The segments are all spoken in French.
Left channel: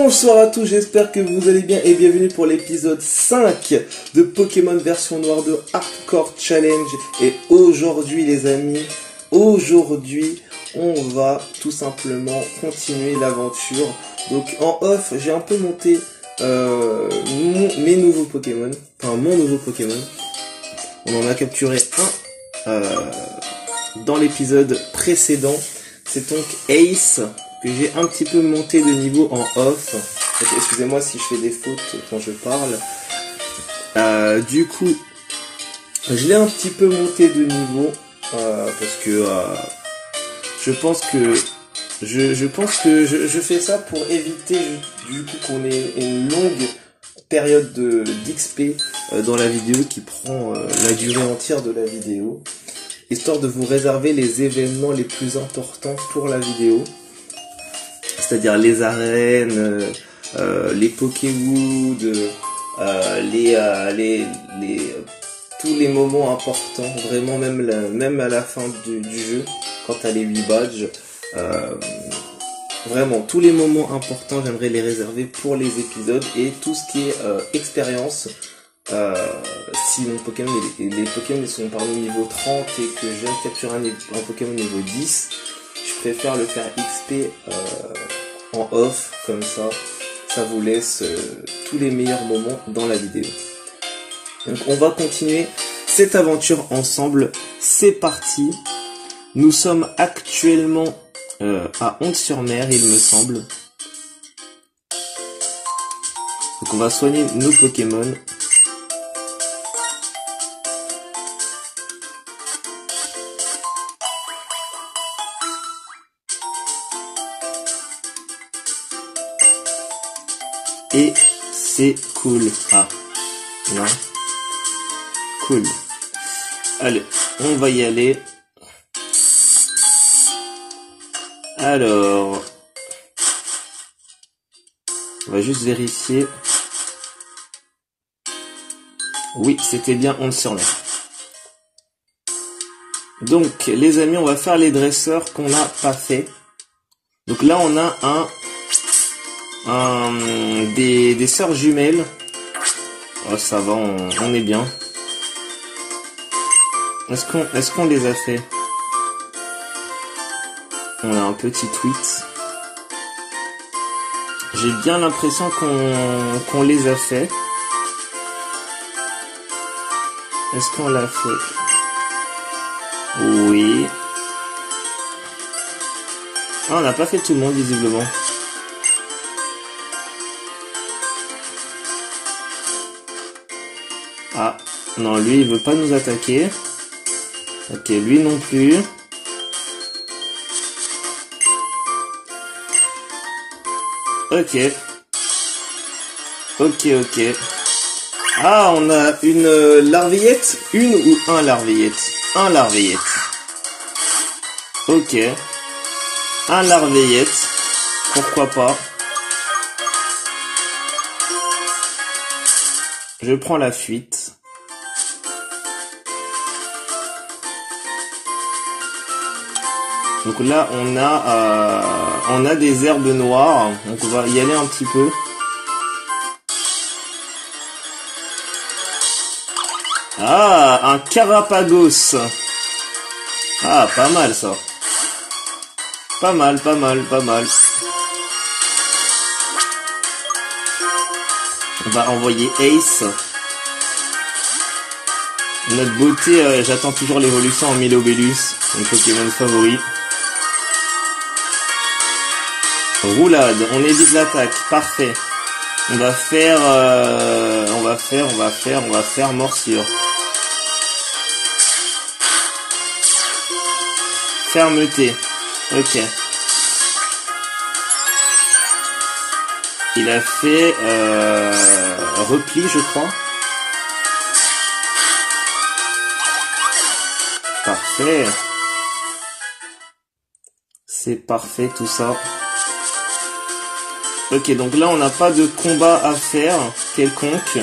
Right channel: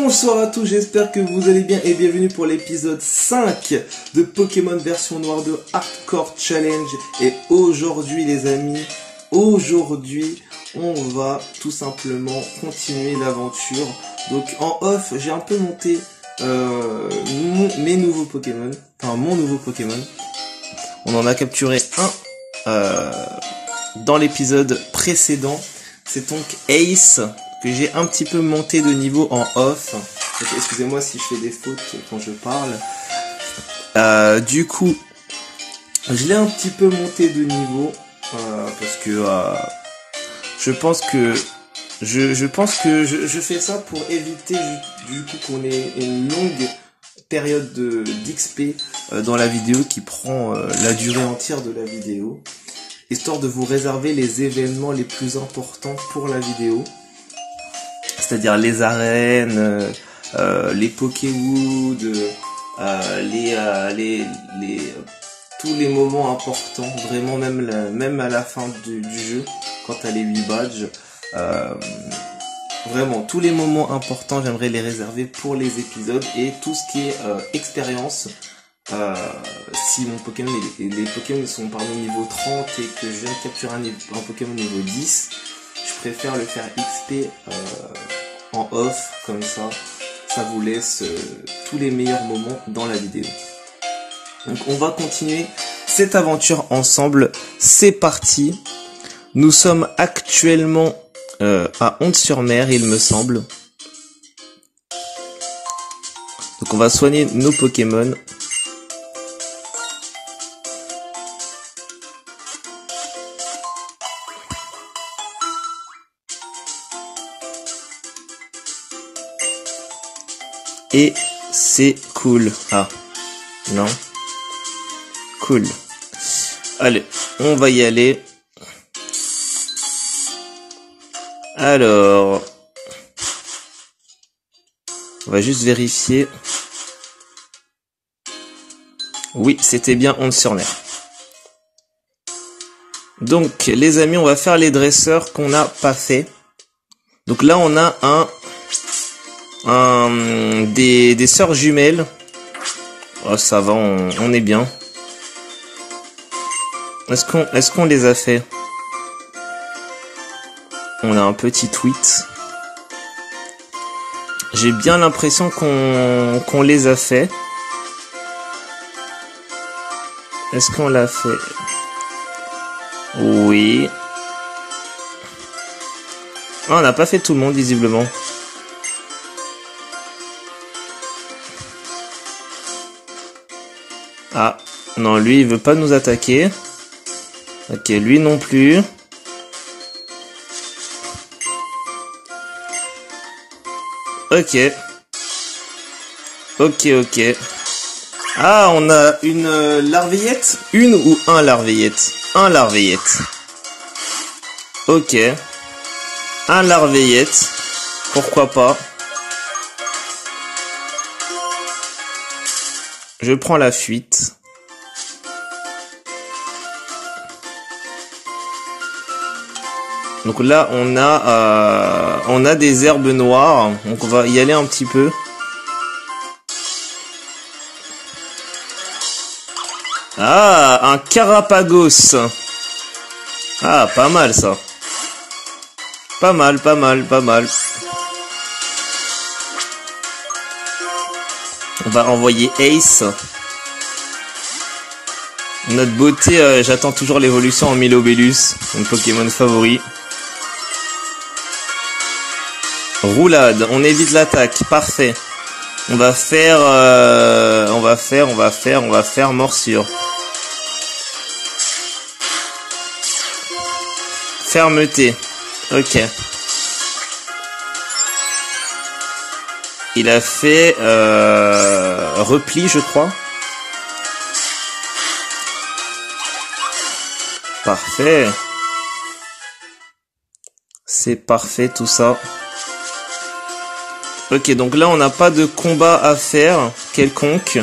Bonsoir à tous, j'espère que vous allez bien et bienvenue pour l'épisode 5 de Pokémon version noire de Hardcore Challenge. Et aujourd'hui les amis, on va tout simplement continuer l'aventure. Donc en off, j'ai un peu monté mes nouveaux Pokémon, enfin mon nouveau Pokémon. On en a capturé un dans l'épisode précédent, c'est donc Ace, que j'ai un petit peu monté de niveau en off. Excusez-moi si je fais des fautes quand je parle. Du coup, je l'ai un petit peu monté de niveau parce que je pense que je fais ça pour éviter du coup qu'on ait une longue période d'XP dans la vidéo qui prend la durée entière de la vidéo, histoire de vous réserver les événements les plus importants pour la vidéo. C'est-à-dire les arènes, les Pokéwood, tous les moments importants, vraiment même à la fin du jeu, quand t'as les 8 badges, vraiment tous les moments importants, j'aimerais les réserver pour les épisodes, et tout ce qui est expérience, si mon Pokémon, les Pokémon sont parmi niveau 30 et que je viens de capturer un Pokémon niveau 10, je préfère le faire XP en off, comme ça vous laisse tous les meilleurs moments dans la vidéo. Donc on va continuer cette aventure ensemble, c'est parti. Nous sommes actuellement à Onde-sur-Mer, il me semble. Donc on va soigner nos Pokémon. Et c'est cool. Ah, non. Cool. Allez, on va y aller. Alors, on va juste vérifier. Oui, c'était bien Onde-sur-Mer. Donc, les amis, on va faire les dresseurs qu'on n'a pas fait. Donc là, on a des sœurs jumelles. Oh, ça va, on est bien. Est-ce qu'on les a fait? On a un petit tweet. J'ai bien l'impression qu'on les a fait. Est-ce qu'on l'a fait? Oui. Ah, on n'a pas fait tout le monde visiblement. Ah, non, lui, il veut pas nous attaquer. Ok, lui non plus. Ok. Ok. Ah, on a une larvillette. Une ou un larvillette? Un larvillette. Ok. Un larvillette. Pourquoi pas. Je prends la fuite. Donc là, on a des herbes noires. Donc on va y aller un petit peu. Ah, un Carapagos. Ah, pas mal ça. Pas mal. On va envoyer Ace. Notre beauté, j'attends toujours l'évolution en Milobellus, mon Pokémon favori. Roulade, on évite l'attaque, parfait. On va faire morsure. Fermeté, ok. Il a fait repli, je crois. Parfait. C'est parfait tout ça. Ok, donc là on n'a pas de combat à faire quelconque.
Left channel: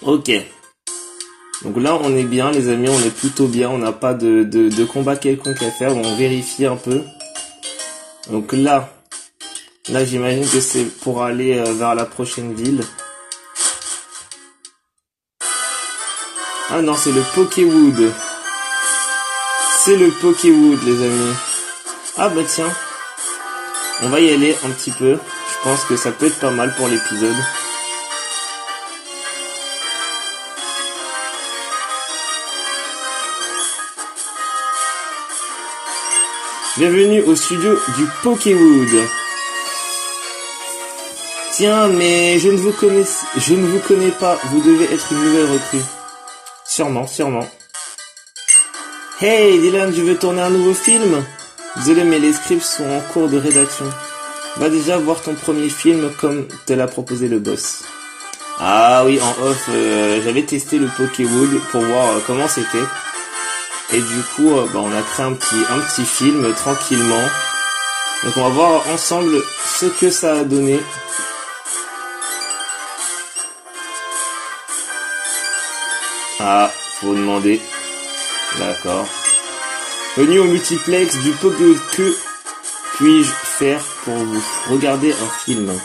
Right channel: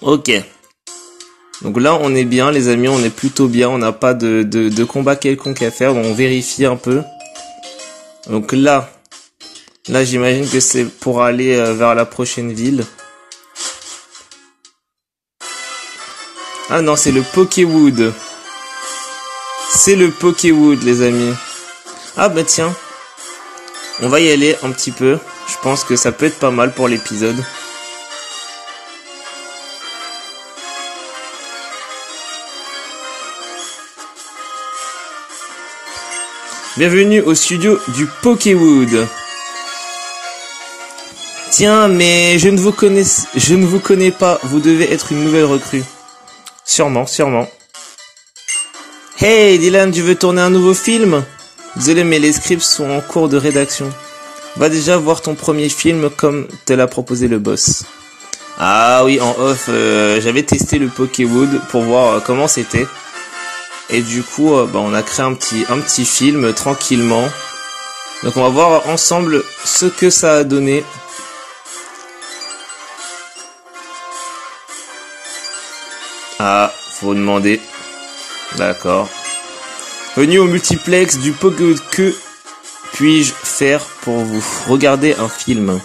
Ok. Donc là on est bien les amis, on est plutôt bien. On n'a pas de combat quelconque à faire. On vérifie un peu. Donc là Là, j'imagine que c'est pour aller vers la prochaine ville. Ah non, c'est le Pokéwood. C'est le Pokéwood, les amis. Ah bah tiens. On va y aller un petit peu. Je pense que ça peut être pas mal pour l'épisode. Bienvenue au studio du Pokéwood. Tiens, mais je ne vous connais pas. Vous devez être une nouvelle recrue. Sûrement, sûrement. Hey Dylan, tu veux tourner un nouveau film? Désolé, mais les scripts sont en cours de rédaction. Va déjà voir ton premier film comme te l'a proposé le boss. Ah oui, en off, j'avais testé le Pokéwood pour voir comment c'était. Et du coup, on a créé un petit film tranquillement. Donc on va voir ensemble ce que ça a donné. Ah, faut demander. D'accord. Venu au multiplex du Pokéwood, que puis-je faire pour vous? Regardez un film.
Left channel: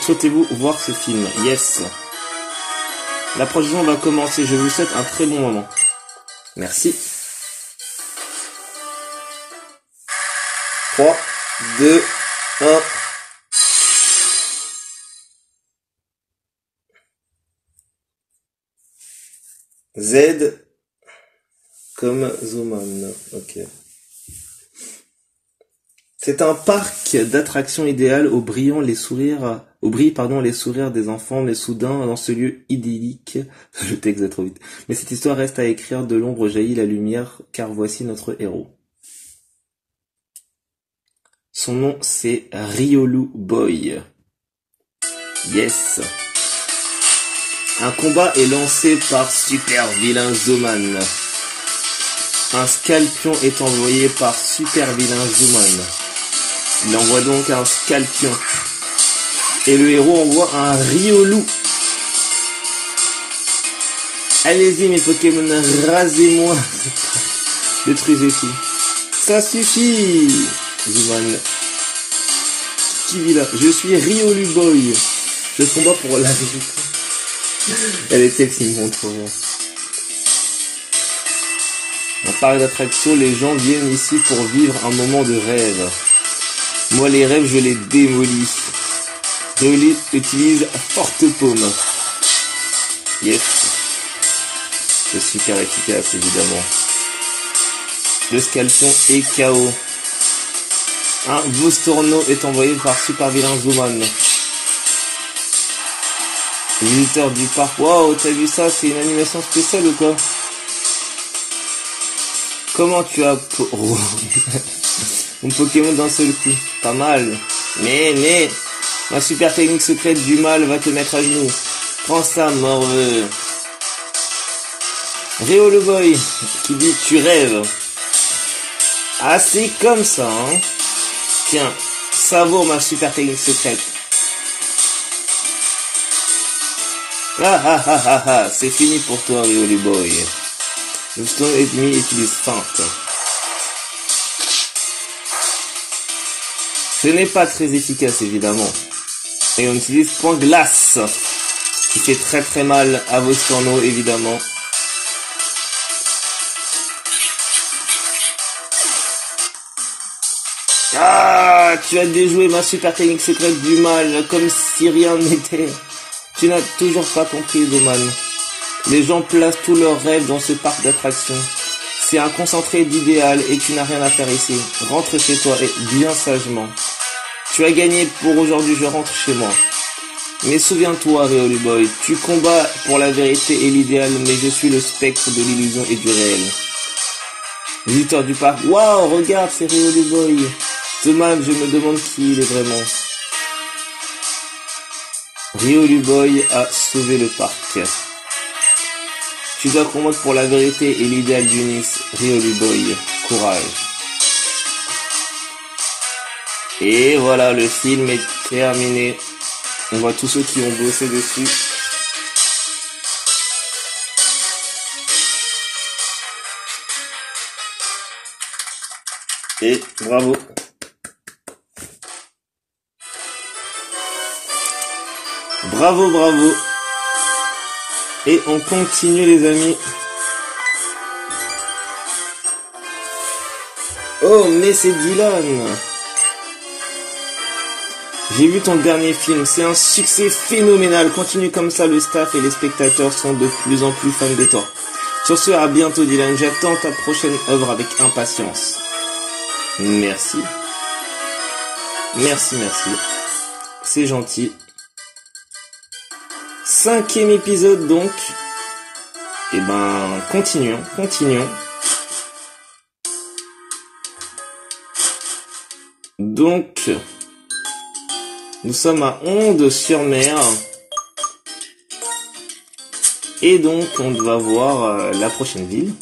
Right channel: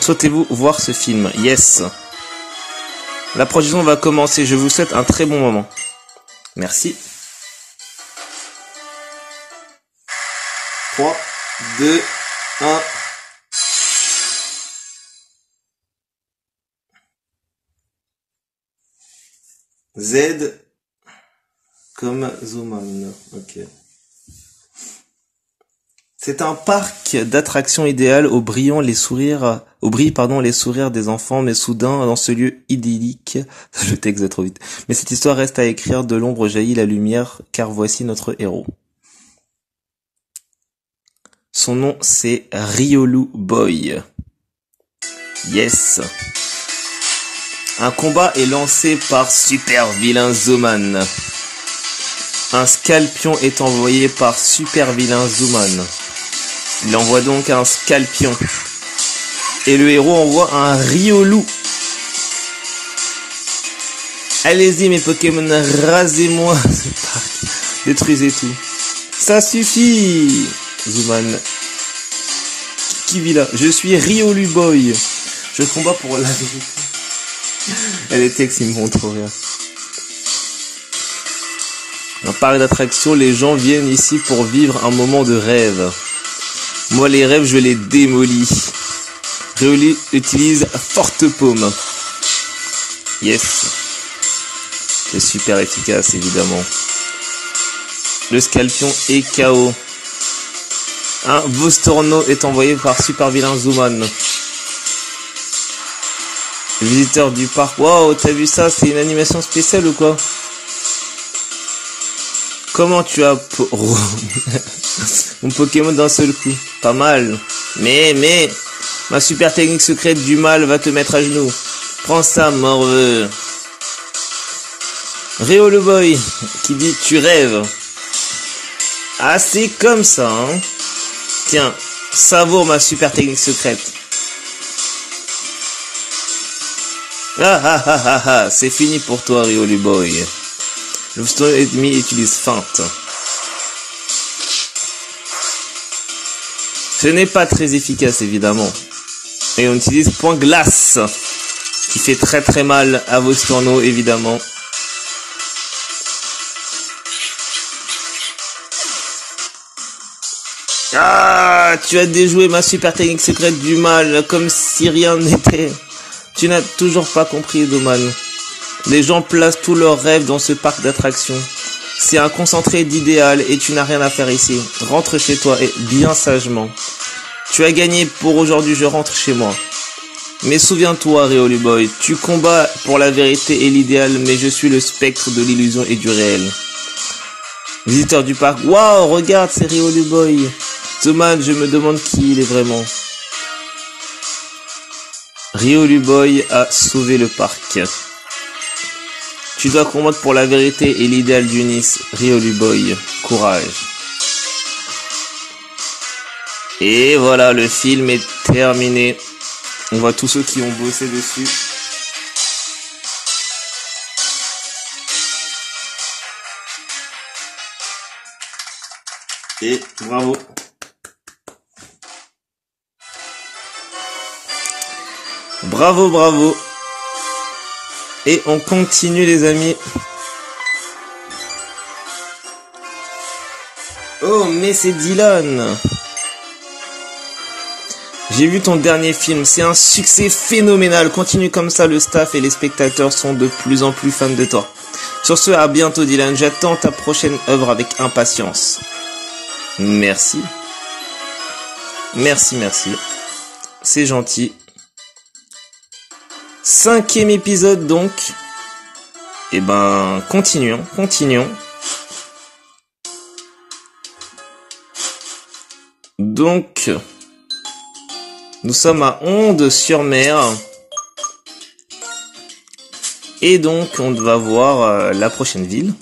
Souhaitez-vous voir ce film? Yes. La projection va commencer. Je vous souhaite un très bon moment. Merci. 3, 2, 1. Z comme Zoman. Ok. C'est un parc d'attractions idéal au brillant les sourires, au brille les sourires des enfants, mais soudain dans ce lieu idyllique, le texte est trop vite. Mais cette histoire reste à écrire, de l'ombre jaillit la lumière, car voici notre héros. Son nom c'est Riolu Boy. Yes. Un combat est lancé par super vilain Zoman. Un Scalpion est envoyé par super vilain Zoman. Il envoie donc un Scalpion. Et le héros envoie un Riolu. Allez-y mes Pokémon, rasez-moi. Détruisez tout. Ça suffit. Zoman. Qui vit là? Je suis Riolu Boy. Je combats pour la vérité. Les textes ils me vont trop bien. Dans parc d'attraction, les gens viennent ici pour vivre un moment de rêve. Moi, les rêves, je les démolis. Riolu utilise Forte Paume. Yes. C'est super efficace, évidemment. Le Scalpion est KO. Un Vostorno est envoyé par super vilain Zoman. Visiteur du parc. Waouh, t'as vu ça? C'est une animation spéciale ou quoi? Comment tu as mon Pokémon d'un seul coup? Pas mal. Mais, ma super technique secrète du mal va te mettre à genoux. Prends ça, morveux. Riolu Boy, qui dit tu rêves. Ah, c'est comme ça, hein. Tiens, savoure ma super technique secrète. Ah, c'est fini pour toi, Riolu Boy. Le stone ennemi utilise feinte. Ce n'est pas très efficace, évidemment. Et on utilise point glace, qui fait très très mal à vos Vostorno, évidemment. Ah, tu as déjoué ma super technique secrète du mal, comme si rien n'était. Tu n'as toujours pas compris, Zoman. Les gens placent tous leurs rêves dans ce parc d'attractions. C'est un concentré d'idéal et tu n'as rien à faire ici. Rentre chez toi et bien sagement. Tu as gagné pour aujourd'hui, je rentre chez moi. Mais souviens-toi, Riolu Boy, tu combats pour la vérité et l'idéal, mais je suis le spectre de l'illusion et du réel. Visiteur du parc, waouh, regarde, c'est Riolu Boy. Zoman, je me demande qui il est vraiment. Riolu Boy a sauvé le parc. Tu dois combattre pour la vérité et l'idéal d'Unis. Riolu Boy, courage. Et voilà, le film est terminé. On voit tous ceux qui ont bossé dessus. Et bravo. Bravo, bravo. Et on continue les amis. Oh, mais c'est Dylan. J'ai vu ton dernier film, c'est un succès phénoménal. Continue comme ça, le staff et les spectateurs sont de plus en plus fans de toi. Sur ce, à bientôt Dylan, j'attends ta prochaine œuvre avec impatience. Merci. Merci, merci. C'est gentil. 5e épisode donc. Eh ben, continuons. Donc, nous sommes à Onde-sur-Mer. Et donc, on va voir la prochaine ville.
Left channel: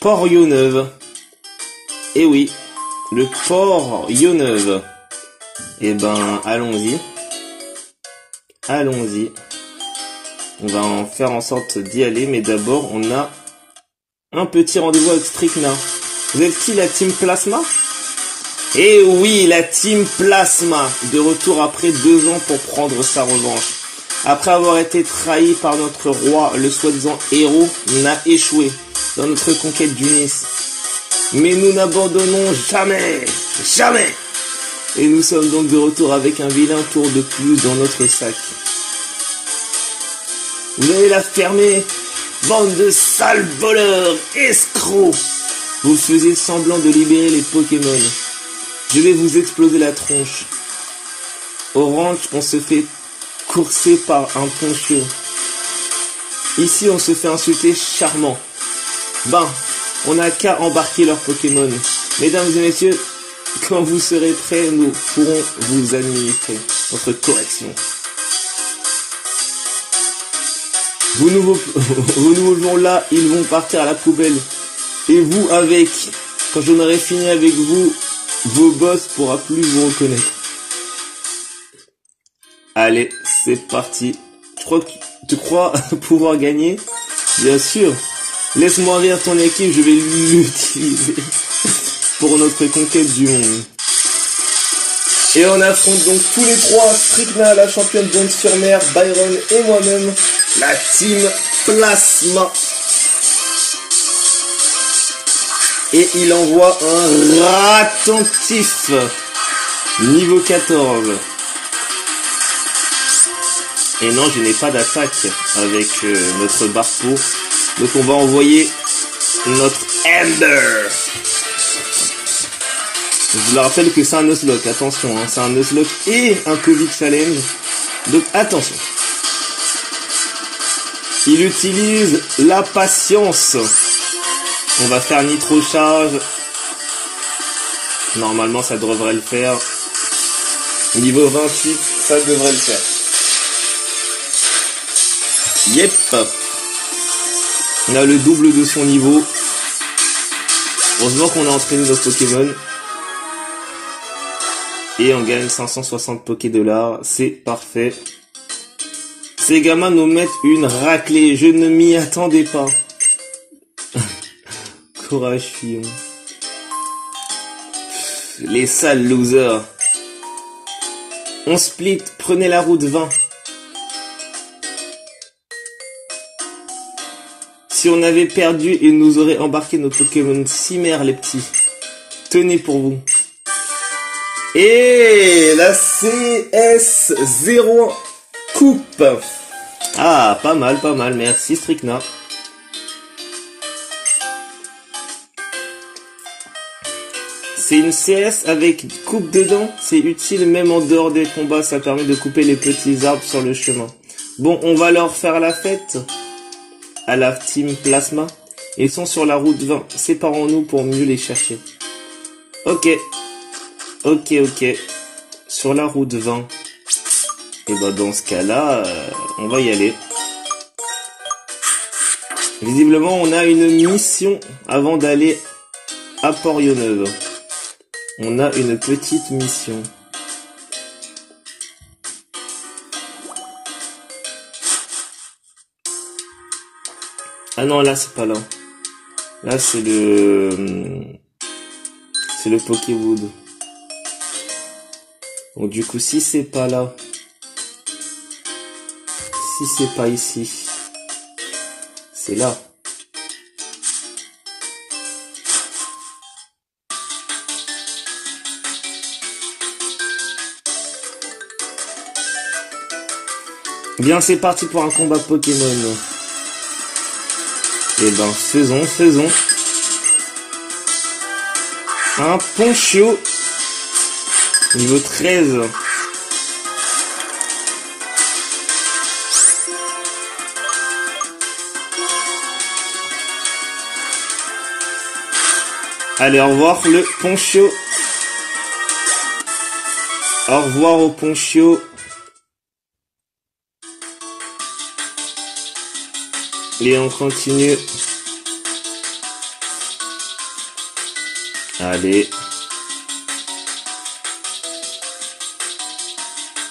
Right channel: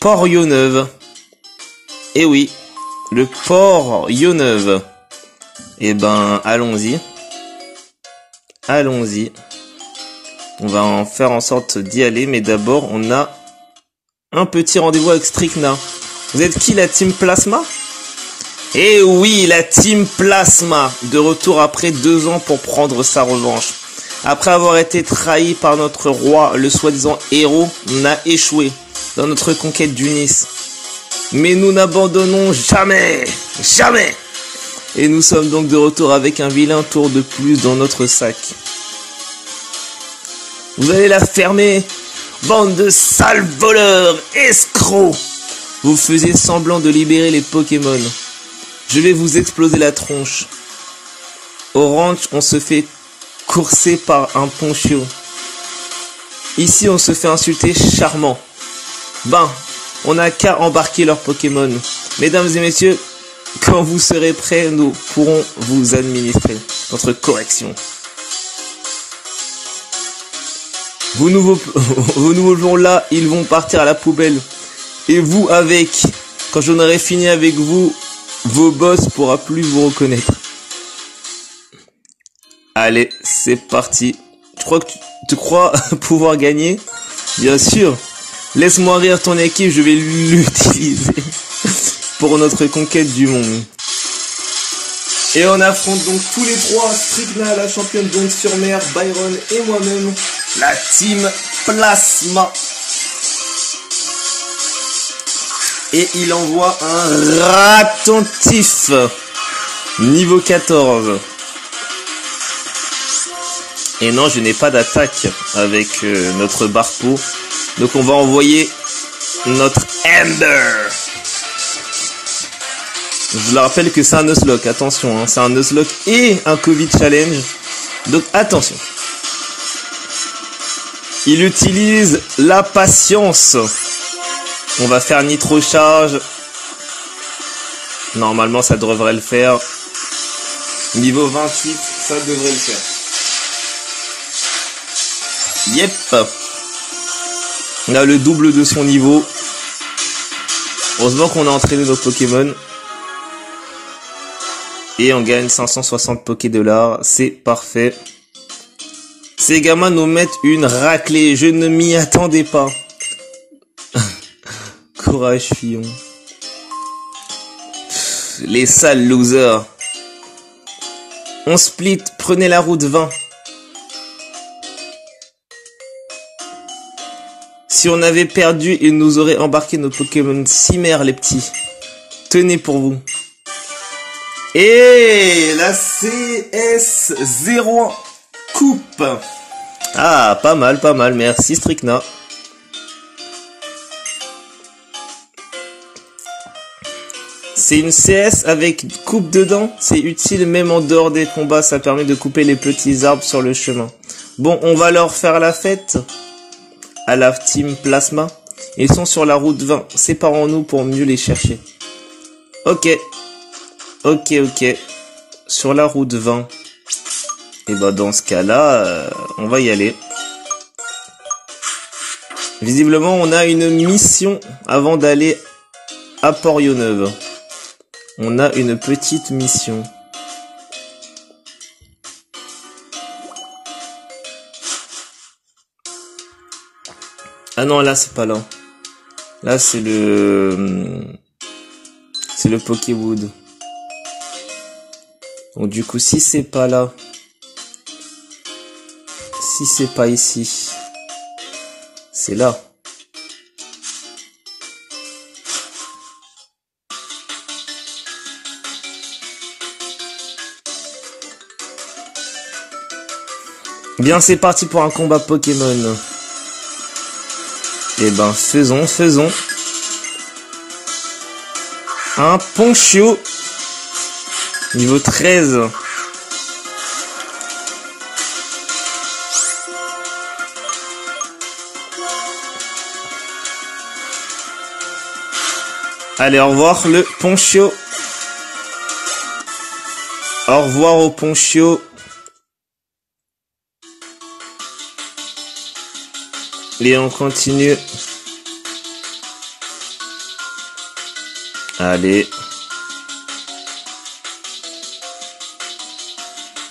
Port-Yoneuve. Eh oui, le Port-Yoneuve. Eh ben, allons-y. Allons-y. On va en faire en sorte d'y aller, mais d'abord, on a un petit rendez-vous avec Stricna. Vous êtes qui, la Team Plasma? Eh oui, la Team Plasma, de retour après 2 ans pour prendre sa revanche. Après avoir été trahi par notre roi, le soi-disant héros, on a échoué dans notre conquête du Nice. Mais nous n'abandonnons jamais, jamais. Et nous sommes donc de retour avec un vilain tour de plus dans notre sac. Vous allez la fermer, bande de sales voleurs, escrocs. Vous faisiez semblant de libérer les Pokémon. Je vais vous exploser la tronche. Au ranch, on se fait courser par un poncho. Ici, on se fait insulter charmant. Ben, on n'a qu'à embarquer leurs Pokémon. Mesdames et messieurs, quand vous serez prêts, nous pourrons vous administrer notre correction. Vos nouveaux jours là, ils vont partir à la poubelle. Et vous avec. Quand j'en aurai fini avec vous, vos boss pourra plus vous reconnaître. Allez, c'est parti. Tu crois pouvoir gagner? Bien sûr. Laisse-moi rire ton équipe, je vais l'utiliser pour notre conquête du monde. Et on affronte donc tous les trois, Stricna, la championne d'Onde-sur-Mer, Byron et moi-même, la Team Plasma. Et il envoie un ratentif. Niveau 14. Et non, je n'ai pas d'attaque avec notre Barco. Donc on va envoyer notre Ember. Je vous rappelle que c'est un Nuzlocke, attention, hein, c'est un Nuzlocke et un Covid Challenge. Donc attention. Il utilise la patience. On va faire Nitro Charge. Normalement ça devrait le faire. Niveau 28, ça devrait le faire. Yep. On a le double de son niveau. Heureusement qu'on a entraîné nos Pokémon. Et on gagne 560 Poké-dollars. C'est parfait. Ces gamins nous mettent une raclée. Je ne m'y attendais pas. Courage, Fillon. Les sales losers. On split. Prenez la route 20. Si on avait perdu, ils nous auraient embarqué nos Pokémon Cimère, les petits. Tenez pour vous. Et la CS01 coupe. Ah, pas mal, pas mal. Merci, Stricna. C'est une CS avec coupe dedans. C'est utile même en dehors des combats. Ça permet de couper les petits arbres sur le chemin. Bon, on va leur faire la fête. À la Team Plasma. Ils sont sur la route 20. Séparons-nous pour mieux les chercher. Ok. Ok. Sur la route 20. Et bah dans ce cas-là, on va y aller. Visiblement, on a une mission avant d'aller à Port-Yoneuve. On a une petite mission. Ah non, là c'est pas là. Là c'est le Pokéwood. Donc du coup si c'est pas là, si c'est pas ici, c'est là. Bien, c'est parti pour un combat Pokémon. Eh ben, faisons. Un Ponchio. Niveau 13. Allez, au revoir le Ponchio. Au revoir au Ponchio. Et on continue. Allez.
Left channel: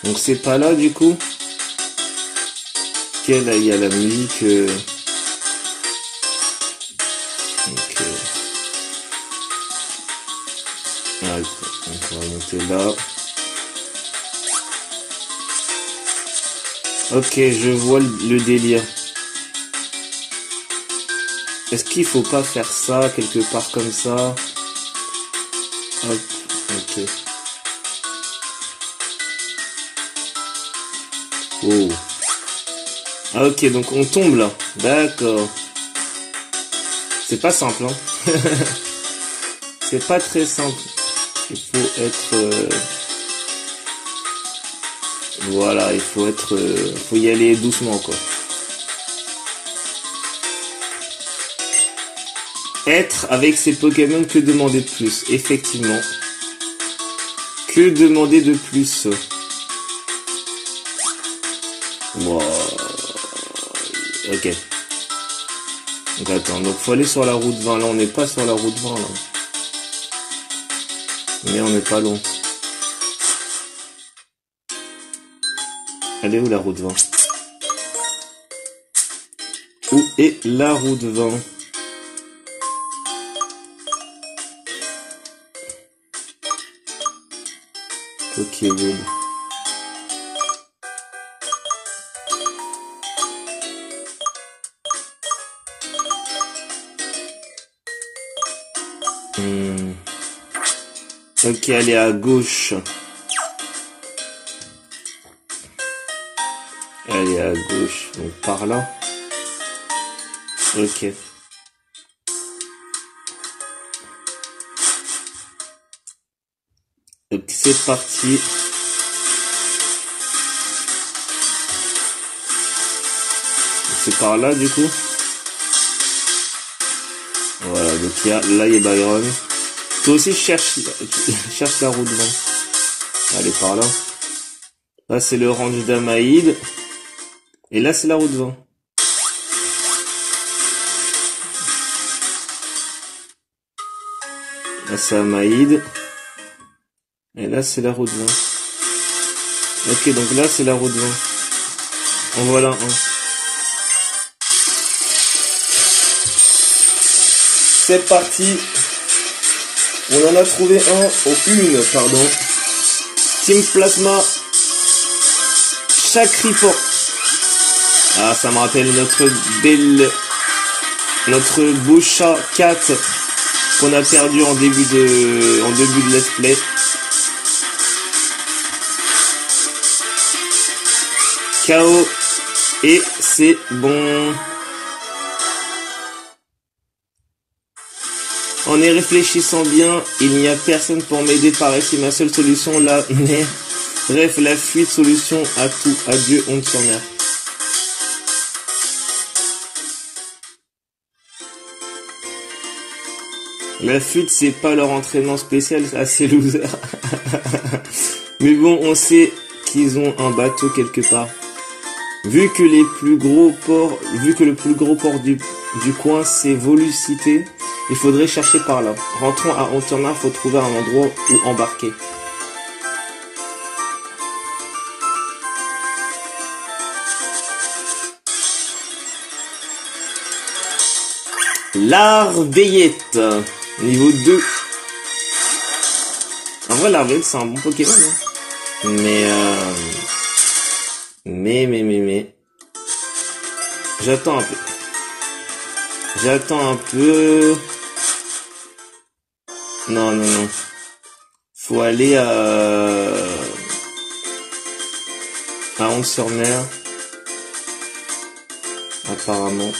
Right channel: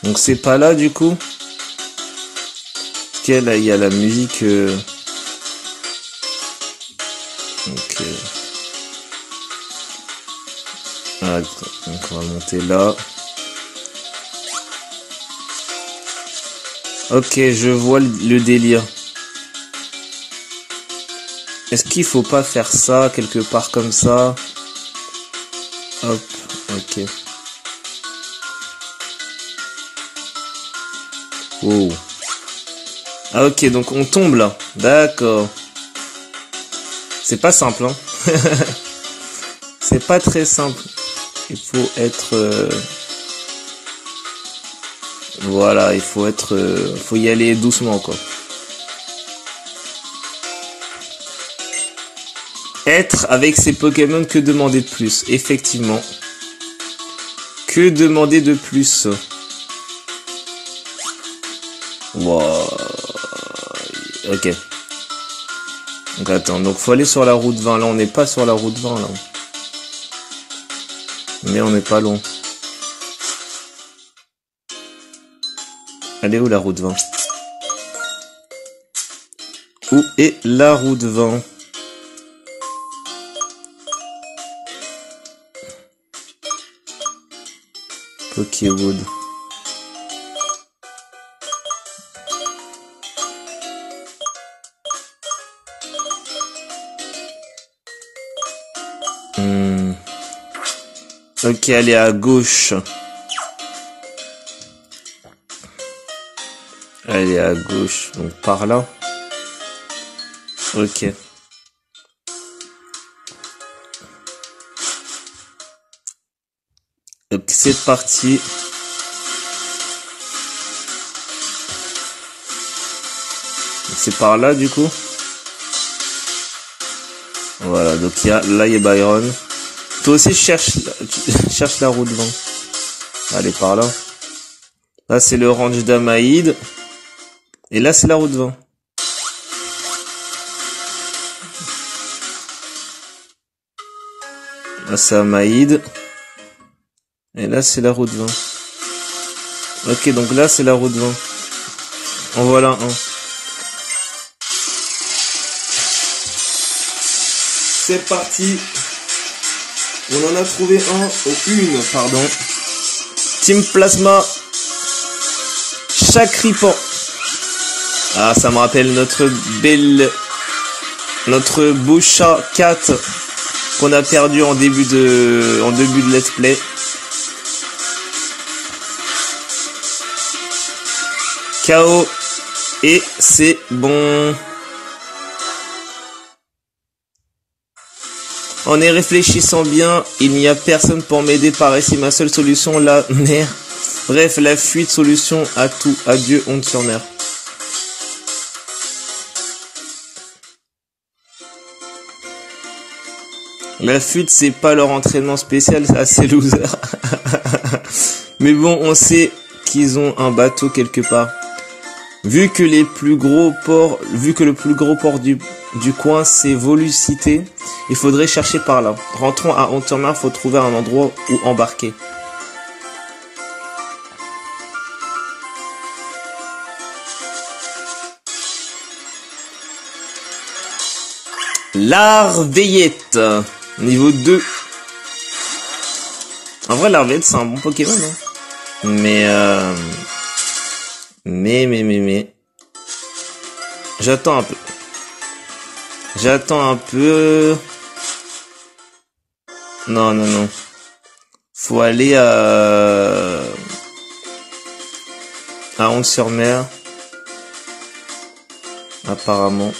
Donc c'est pas là du coup. Ok, là il y a la musique. Ok. Attends, on va monter là. Ok, je vois le délire. Est-ce qu'il faut pas faire ça quelque part comme ça? Hop, ok. Oh. Ah ok, donc on tombe là. D'accord. C'est pas simple, hein. C'est pas très simple. Il faut être... Voilà, il faut être... faut y aller doucement, quoi. Être avec ces Pokémon, que demander de plus? Effectivement. Que demander de plus? Wow. Ok. Donc attends, donc faut aller sur la route 20. Là, on n'est pas sur la route 20, là. Mais on n'est pas loin. Elle est où la route 20? Où est la route 20? Pokéwood. Ok, elle est à gauche. Elle est à gauche, donc par là. Ok. Donc c'est parti. C'est par là du coup. Voilà, donc là il y a Byron. Toi aussi cherche la route 20. Allez, par là. Là c'est le ranch d'Amaïd. Et là c'est la route 20. Là c'est Amaïd. Et là c'est la route 20. Ok, donc là c'est la route 20. En voilà un. C'est parti. On en a trouvé pardon. Team Plasma. Chacripan. Ah, ça me rappelle notre beau chat 4 qu'on a perdu en début de let's play. KO. Et c'est bon. En y réfléchissant bien, il n'y a personne pour m'aider par ici. Ma seule solution, la nerf. Bref, la fuite, solution à tout. Adieu, honte sur mer. La fuite, c'est pas leur entraînement spécial, c'est assez loser. Mais bon, on sait qu'ils ont un bateau quelque part. Vu que le plus gros port du coin, c'est Volucité, il faudrait chercher par là. Rentrons à Haute-en-Mer, faut trouver un endroit où embarquer. Larveillette, niveau 2. En vrai, Larveillette, c'est un bon Pokémon, hein. Mais. J'attends un peu. J'attends un peu. Non, non, non. Faut aller à 11-sur-Mer. Apparemment.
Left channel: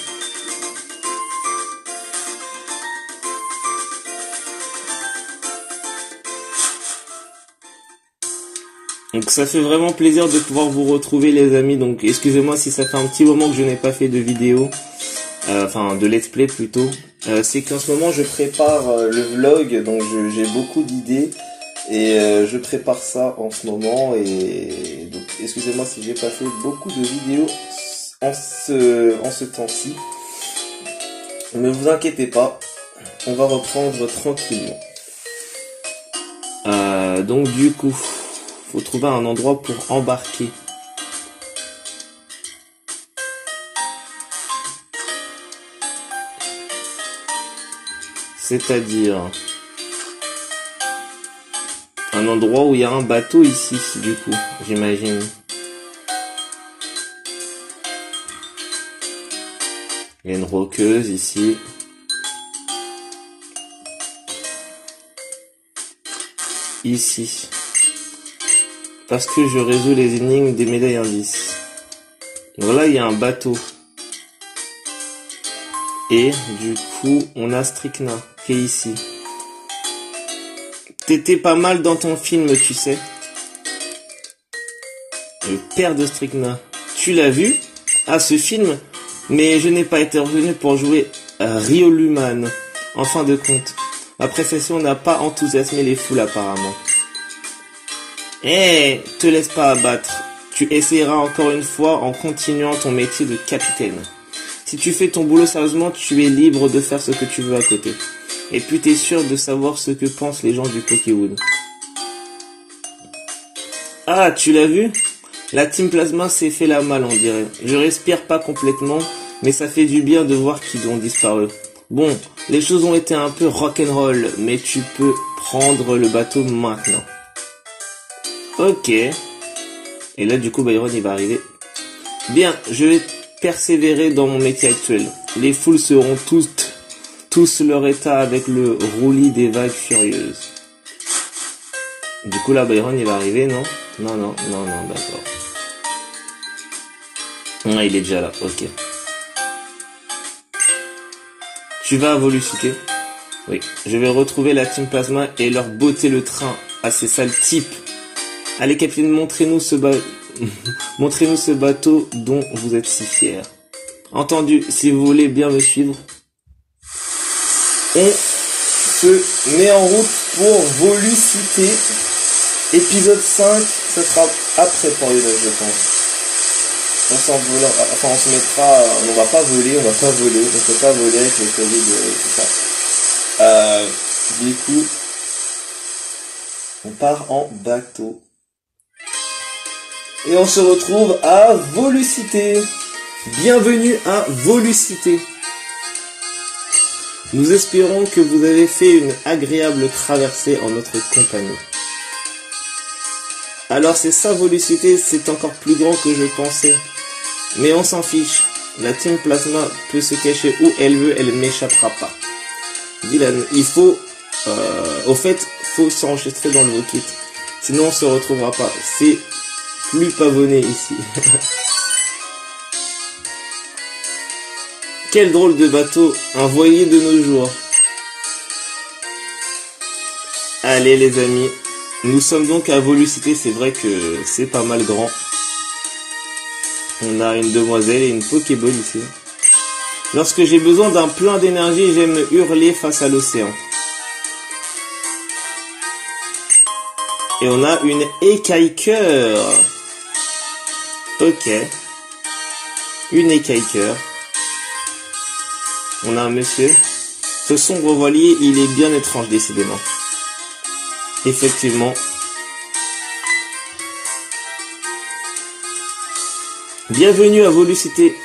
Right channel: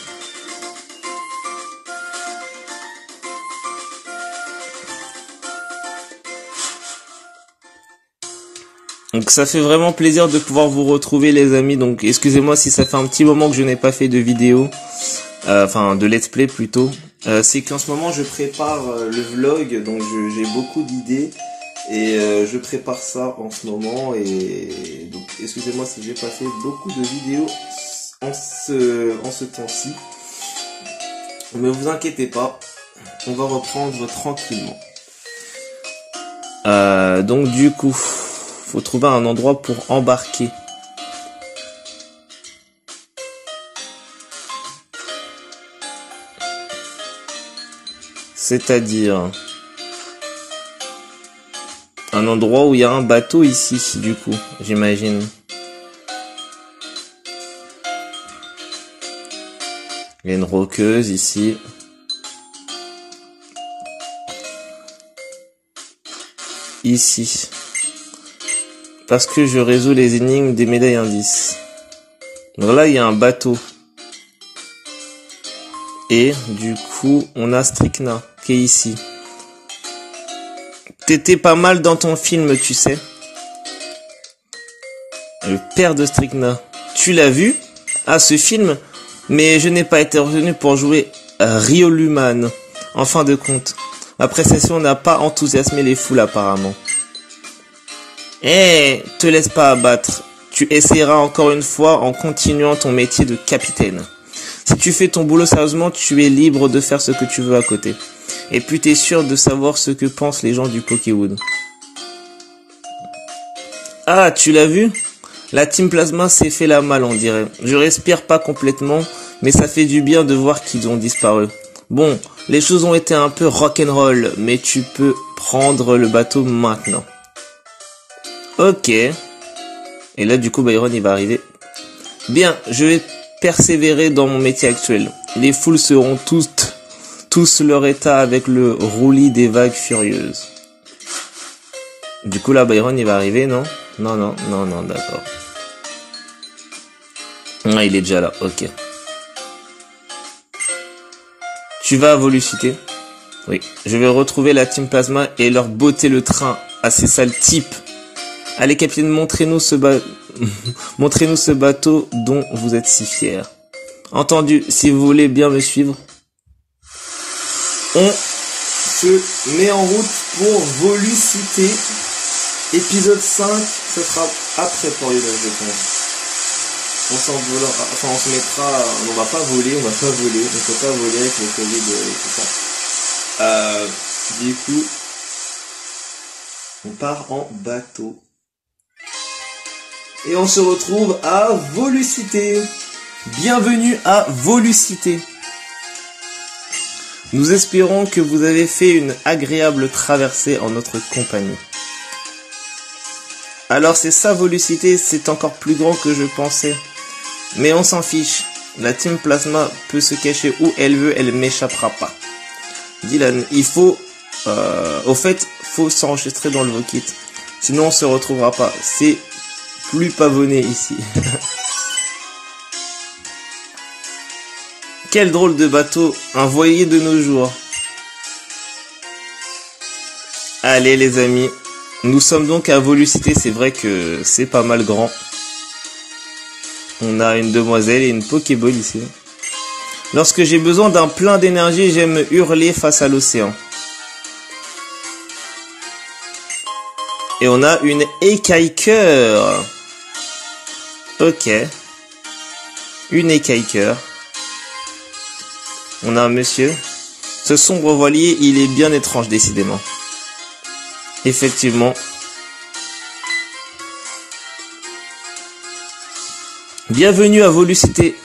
Donc ça fait vraiment plaisir de pouvoir vous retrouver les amis. Donc excusez-moi si ça fait un petit moment que je n'ai pas fait de vidéo. Enfin de let's play plutôt. C'est qu'en ce moment je prépare le vlog. Donc j'ai beaucoup d'idées. Et je prépare ça en ce moment. Et donc excusez-moi si j'ai pas fait beaucoup de vidéos en ce temps-ci. Ne vous inquiétez pas. On va reprendre tranquillement. Donc du coup... faut trouver un endroit pour embarquer. C'est-à-dire un endroit où il y a un bateau ici, du coup, j'imagine. Il y a une roqueuse ici. Ici. Parce que je résous les énigmes des médailles indices. Donc là, il y a un bateau. Et du coup, on a Strychna qui est ici. T'étais pas mal dans ton film, tu sais. Le père de Strychna. Tu l'as vu? Ah, ce film? Mais je n'ai pas été retenu pour jouer Rioluman. En fin de compte. Ma prestation n'a pas enthousiasmé les foules apparemment. Eh, te laisse pas abattre. Tu essaieras encore une fois en continuant ton métier de capitaine. Si tu fais ton boulot sérieusement, tu es libre de faire ce que tu veux à côté. Et puis t'es sûr de savoir ce que pensent les gens du Pokéwood. Ah, tu l'as vu? La Team Plasma s'est fait la malle, on dirait. Je respire pas complètement, mais ça fait du bien de voir qu'ils ont disparu. Bon, les choses ont été un peu rock'n'roll, mais tu peux prendre le bateau maintenant. Ok. Et là, du coup, Byron, il va arriver. Bien, je vais persévérer dans mon métier actuel. Les foules seront tous leur état avec le roulis des vagues furieuses. Du coup, là, Byron, il va arriver, non? Non, non, non, non, d'accord. Ah, il est déjà là, ok. Tu vas à Volucité? Oui. Je vais retrouver la Team Plasma et leur botter le train à ces sales types. Allez, capitaine, montrez-nous ce bateau dont vous êtes si fiers. Entendu, si vous voulez bien me suivre. On se met en route pour Volucité. Épisode 5, ce sera après pour les je pense. On se mettra, on va pas voler, on ne peut pas voler avec le Covid et tout ça. Du coup, on part en bateau. Et on se retrouve à Volucité. Bienvenue à Volucité. Nous espérons que vous avez fait une agréable traversée en notre compagnie. Alors c'est ça Volucité, c'est encore plus grand que je pensais. Mais on s'en fiche. La Team Plasma peut se cacher où elle veut, elle m'échappera pas. Dylan, il faut... au fait, faut s'enregistrer dans le Vokit. Sinon on se retrouvera pas. C'est plus pavonné ici. Quel drôle de bateau, un voilier de nos jours. Allez les amis, nous sommes donc à Volucité, c'est vrai que c'est pas mal grand. On a une demoiselle et une Pokéball ici. Lorsque j'ai besoin d'un plein d'énergie, j'aime hurler face à l'océan. Et on a une écaille-cœur. Ok. Une écaille-cœur. On a un monsieur. Ce sombre voilier, il est bien étrange décidément. Effectivement. Bienvenue à Volucité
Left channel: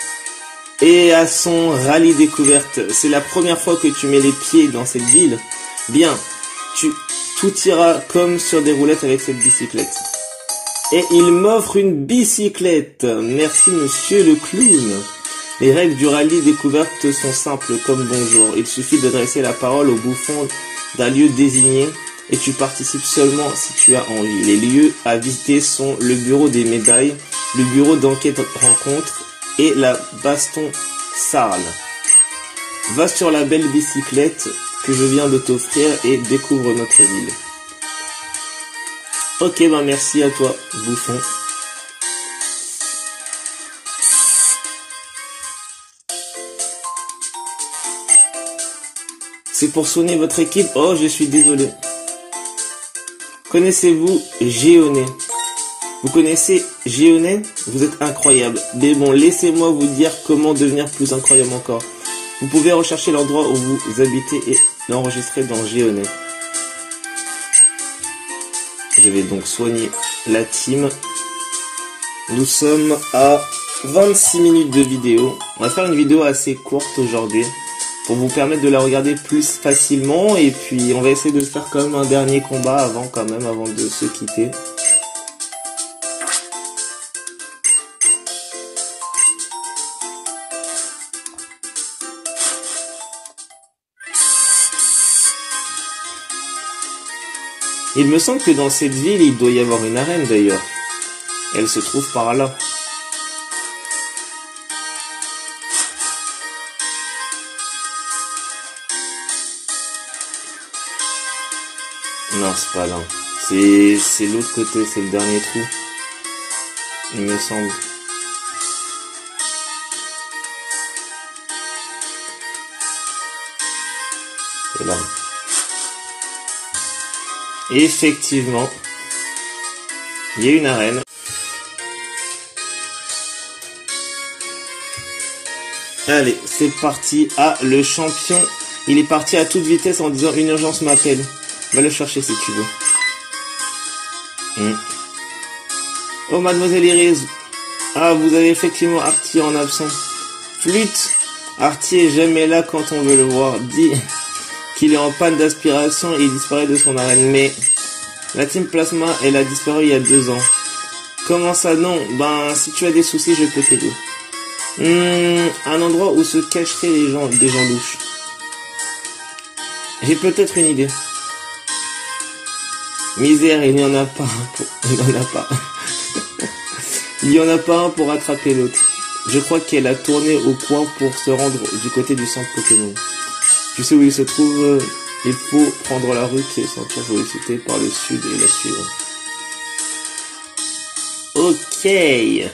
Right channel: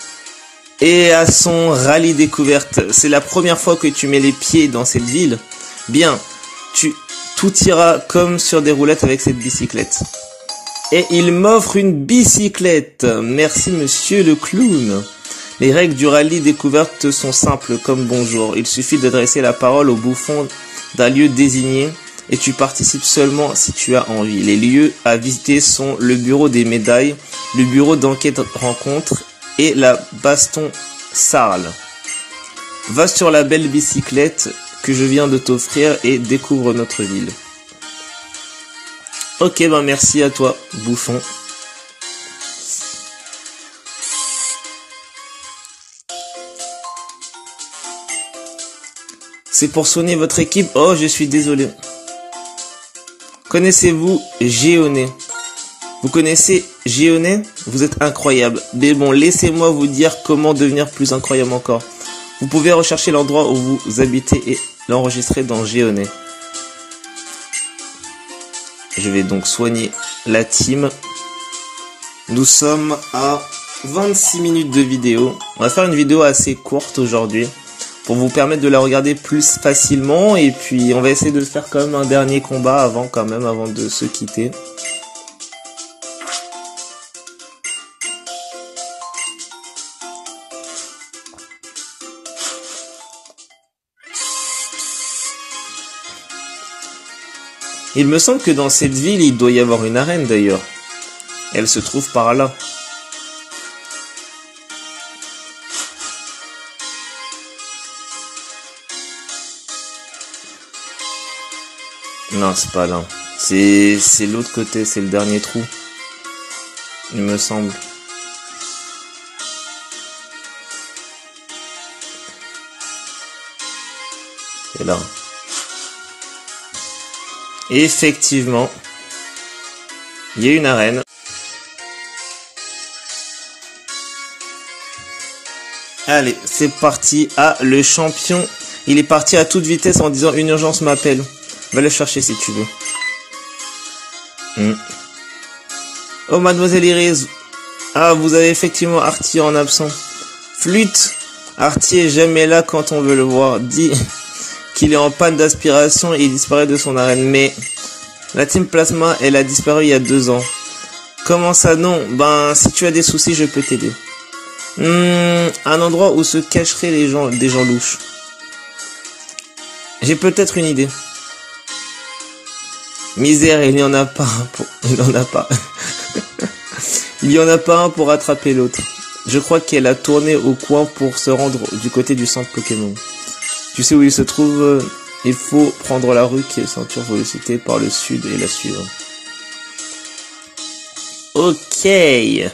et à son rallye découverte. C'est la première fois que tu mets les pieds dans cette ville. Bien, tout ira comme sur des roulettes avec cette bicyclette. Et il m'offre une bicyclette. Merci monsieur le clown. Les règles du rallye découverte sont simples comme bonjour. Il suffit d'adresser la parole au bouffon d'un lieu désigné et tu participes seulement si tu as envie. Les lieux à visiter sont le bureau des médailles, le bureau d'enquête rencontre et la baston Sarl. Va sur la belle bicyclette que je viens de t'offrir et découvre notre ville. Ok, ben merci à toi, bouffon. C'est pour soigner votre équipe. Oh, je suis désolé. Connaissez-vous Géoné? Vous connaissez Géoné? Vous êtes incroyable. Mais bon, laissez-moi vous dire comment devenir plus incroyable encore. Vous pouvez rechercher l'endroit où vous habitez et l'enregistrer dans Géoné. Je vais donc soigner la team. Nous sommes à 26 minutes de vidéo. On va faire une vidéo assez courte aujourd'hui pour vous permettre de la regarder plus facilement. Et puis on va essayer de faire quand même un dernier combat avant de se quitter. Il me semble que dans cette ville, il doit y avoir une arène d'ailleurs. Elle se trouve par là. Non, c'est pas là. C'est l'autre côté, c'est le dernier trou. Il me semble. C'est là. Et effectivement, il y a une arène. Allez, c'est parti. Ah, le champion, il est parti à toute vitesse en disant une urgence m'appelle. Va le chercher si tu veux. Oh, mademoiselle Iris. Ah, vous avez effectivement Artie en absent. Flûte. Artie est jamais là quand on veut le voir. Dis qu'il est en panne d'aspiration et il disparaît de son arène. Mais la team Plasma, elle a disparu il y a 2 ans. Comment ça non? Ben, si tu as des soucis, je peux t'aider. Un endroit où se cacheraient des gens louches. J'ai peut-être une idée. Misère, il n'y en a pas un il n'y en a pas. Il n'y en a pas un pour attraper l'autre. Je crois qu'elle a tourné au coin pour se rendre du côté du centre Pokémon. Tu sais où il se trouve? Il faut prendre la rue qui est ceinture sollicitée par le sud et la suivre. Ok. J'ai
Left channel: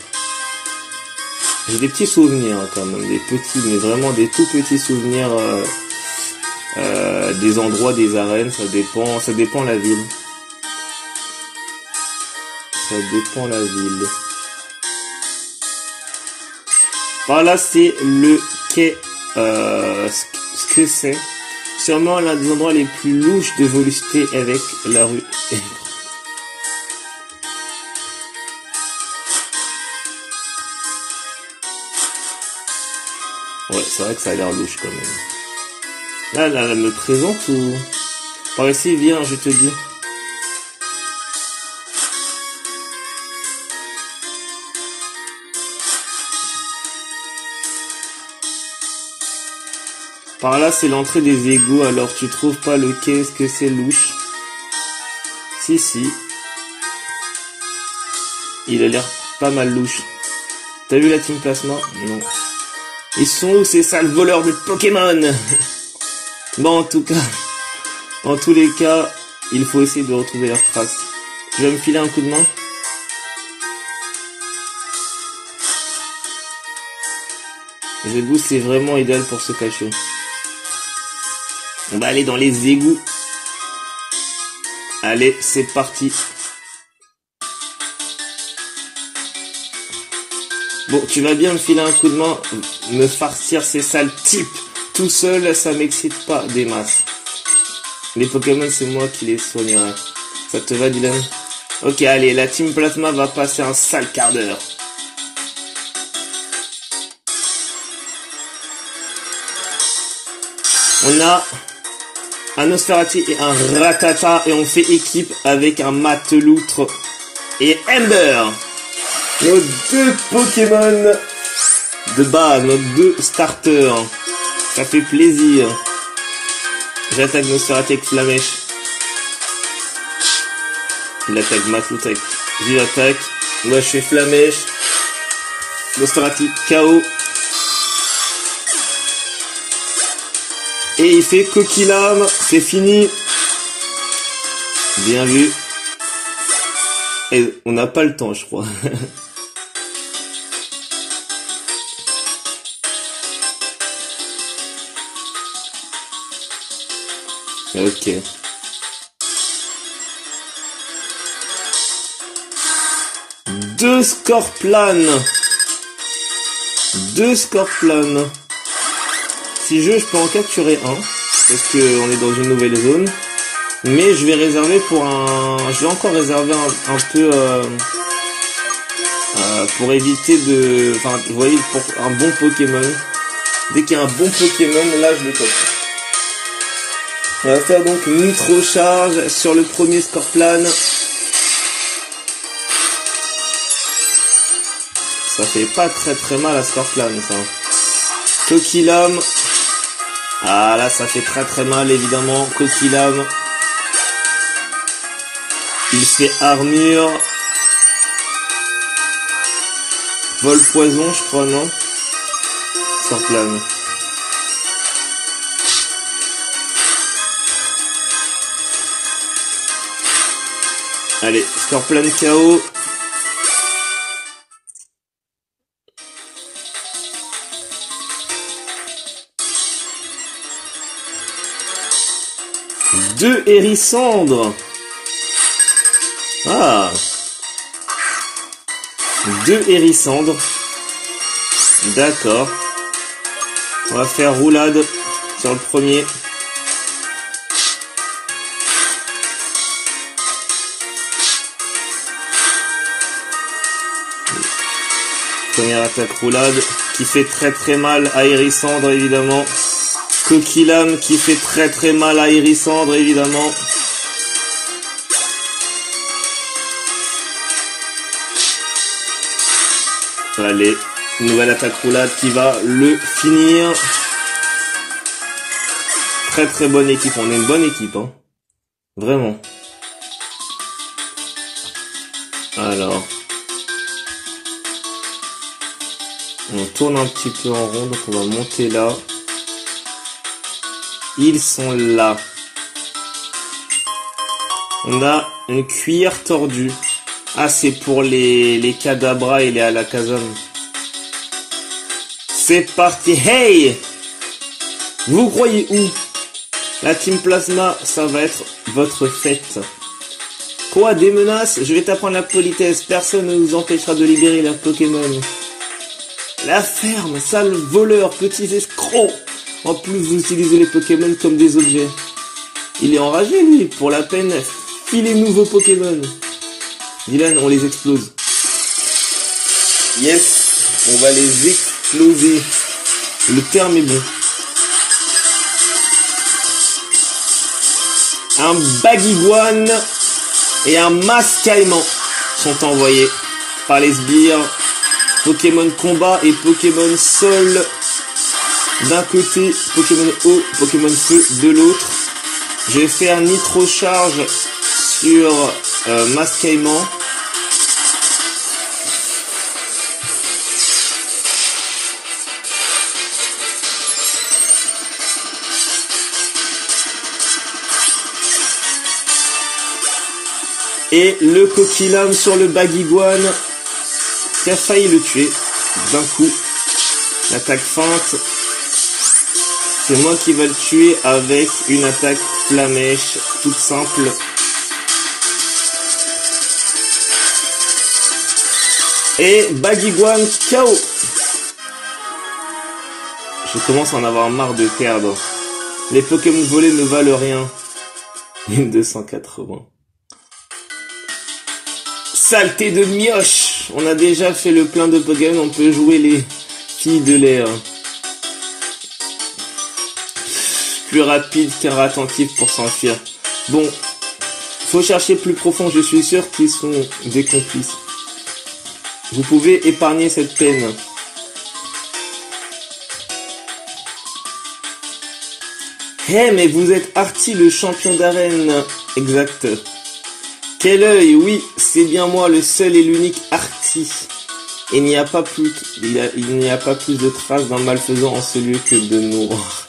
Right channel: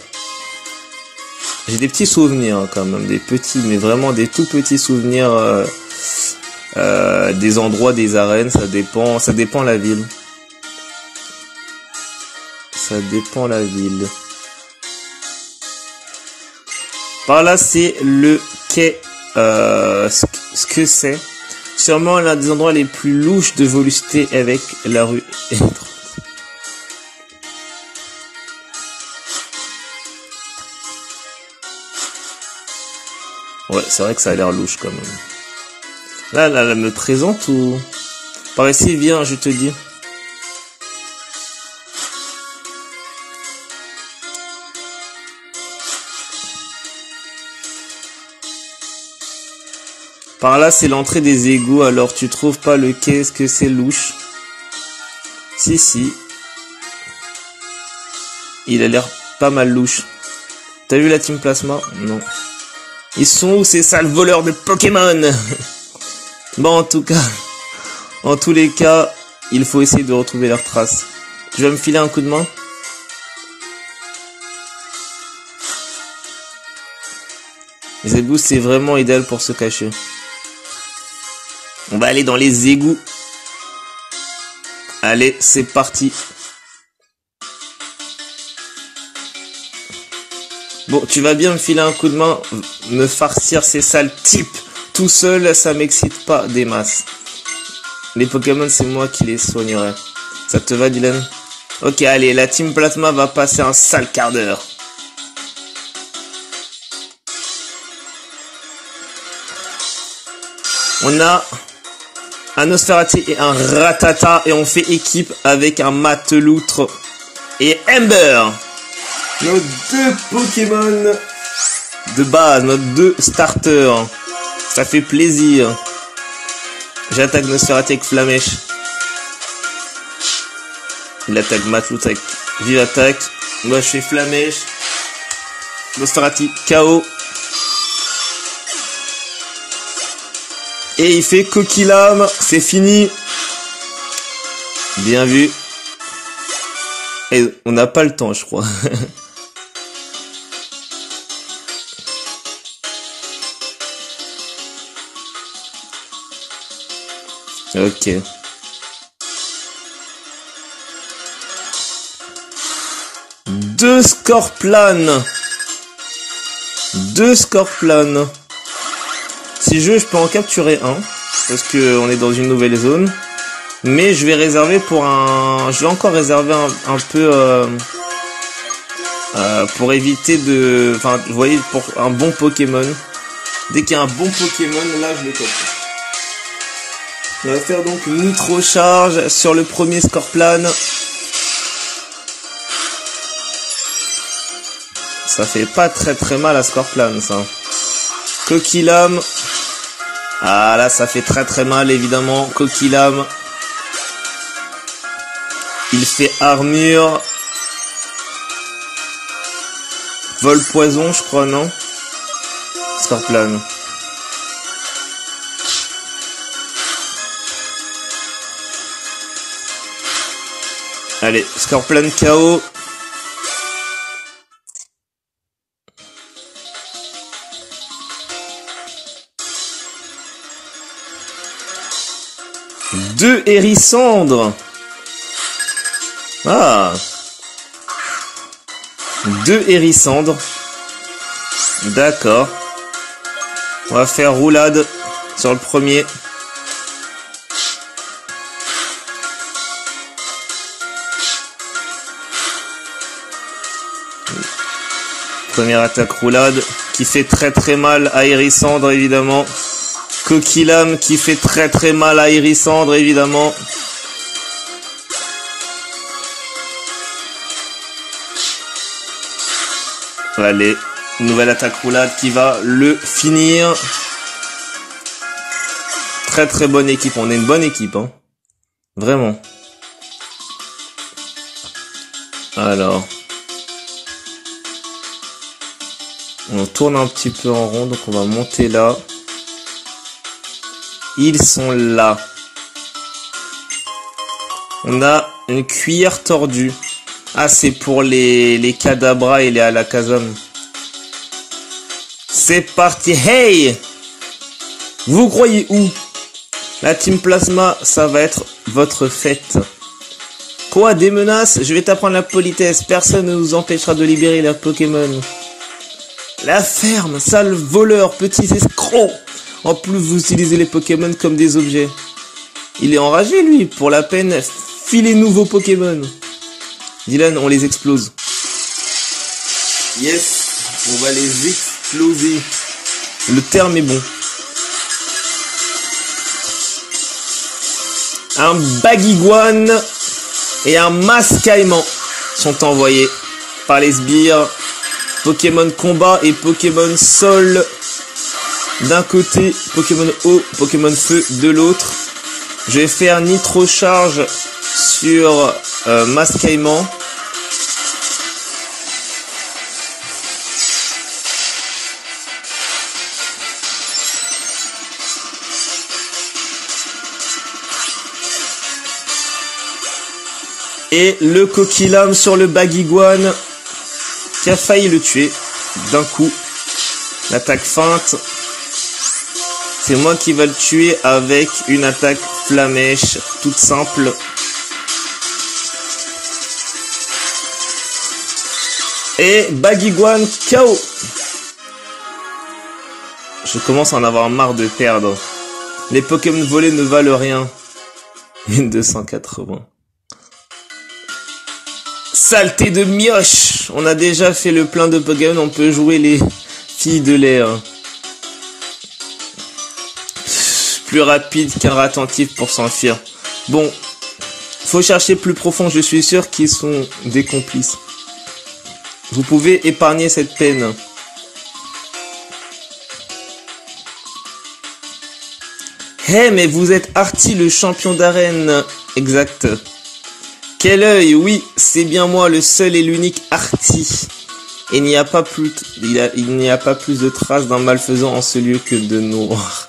des petits souvenirs hein, quand même, des petits, mais vraiment des tout petits souvenirs des endroits, des arènes. Ça dépend la ville. Ça dépend la ville. Par là, c'est le quai. Ce que c'est. Sûrement l'un des endroits les plus louches de Volucité avec la rue. Ouais, c'est vrai que ça a l'air louche quand même. Là, elle me présente ou... Par ici, viens, je te dis. Par là, c'est l'entrée des égouts, alors tu trouves pas le quai, ce que c'est louche? Si, si. Il a l'air pas mal louche. T'as vu la team Plasma? Non. Ils sont où ces sales voleurs de Pokémon? Bon, en tous les cas, il faut essayer de retrouver leurs traces. Tu vas me filer un coup de main? Les égouts, c'est vraiment idéal pour se cacher. On va aller dans les égouts. Allez, c'est parti. Bon, tu vas bien me filer un coup de main, me farcir ces sales types. Tout seul, ça m'excite pas des masses. Les Pokémon, c'est moi qui les soignerai. Ça te va, Dylan? Ok, allez, la team Plasma va passer un sale quart d'heure. On a un Nosferatu et un Rattata et on fait équipe avec un Mateloutre et Ember. Les 2 Pokémon de base, notre 2 starters. Ça fait plaisir. J'attaque Nosferatu avec Flamèche. Il attaque Matlout avec Vive Attaque. Moi je fais Flamèche. Nosferatu KO. Et il fait Coquille-Lame. C'est fini. Bien vu. Et on n'a pas le temps, je crois. Ok. Deux Scorplanes. Si je veux, je peux en capturer un. Parce que on est dans une nouvelle zone. Mais je vais réserver pour un... Je vais encore réserver un peu... pour éviter de... Enfin, vous voyez, pour un bon Pokémon. Dès qu'il y a un bon Pokémon, là, je le capture. On va faire donc Nitro Charge sur le premier Scorplane. Ça fait pas très mal à Scorplane, ça. Coquille-Lame. Ah, là, ça fait très mal, évidemment. Coquille-Lame. Il fait armure. Vol poison, je crois, non? Scorplane. Allez, Scorplane KO. Deux Hérissandres. Ah. Deux Hérissandres. D'accord. On va faire roulade sur le premier. Première attaque roulade qui fait très mal à Hérissandre, évidemment. Coquille-Lame qui fait très mal à Hérissandre, évidemment. Allez, nouvelle attaque roulade qui va le finir. Très bonne équipe, on est une bonne équipe, hein. Vraiment. Alors. On tourne un petit peu en rond, donc on va monter là. Ils sont là. On a une cuillère tordue. Ah, c'est pour les Kadabra et les Alakazam. C'est parti. Hey! Vous croyez où? La Team Plasma, ça va être votre fête. Quoi, des menaces? Je vais t'apprendre la politesse. Personne ne nous empêchera de libérer leurs Pokémon. La ferme, sale voleur, petits escrocs. En plus, vous utilisez les Pokémon comme des objets. Il est enragé, lui. Pour la peine, filez-nous vos Pokémon. Dylan, on les explose. Yes, on va les exploser. Le terme est bon. Un Baguiguane et un Mascaïman sont envoyés par les sbires. Pokémon combat et Pokémon sol d'un côté, Pokémon eau, Pokémon feu de l'autre. Je vais faire Nitro Charge sur Mascaïman. Et le Coquille-Lame sur le Baguiguane qui a failli le tuer d'un coup. L'attaque feinte. C'est moi qui va le tuer avec une attaque Flamèche toute simple. Et Baguiguane KO. Je commence à en avoir marre de perdre. Les Pokémon volés ne valent rien. Une 280. Saleté de mioche. On a déjà fait le plein de Pokémon, on peut jouer les filles de l'air. Plus rapide qu'un rat attentif pour s'enfuir. Bon, faut chercher plus profond, je suis sûr qu'ils sont des complices. Vous pouvez épargner cette peine. Hey, mais vous êtes Artie, le champion d'arène. Exact. Quel œil, oui, c'est bien moi, le seul et l'unique Artie. Il n'y a pas plus de traces d'un malfaisant en ce lieu que de noir.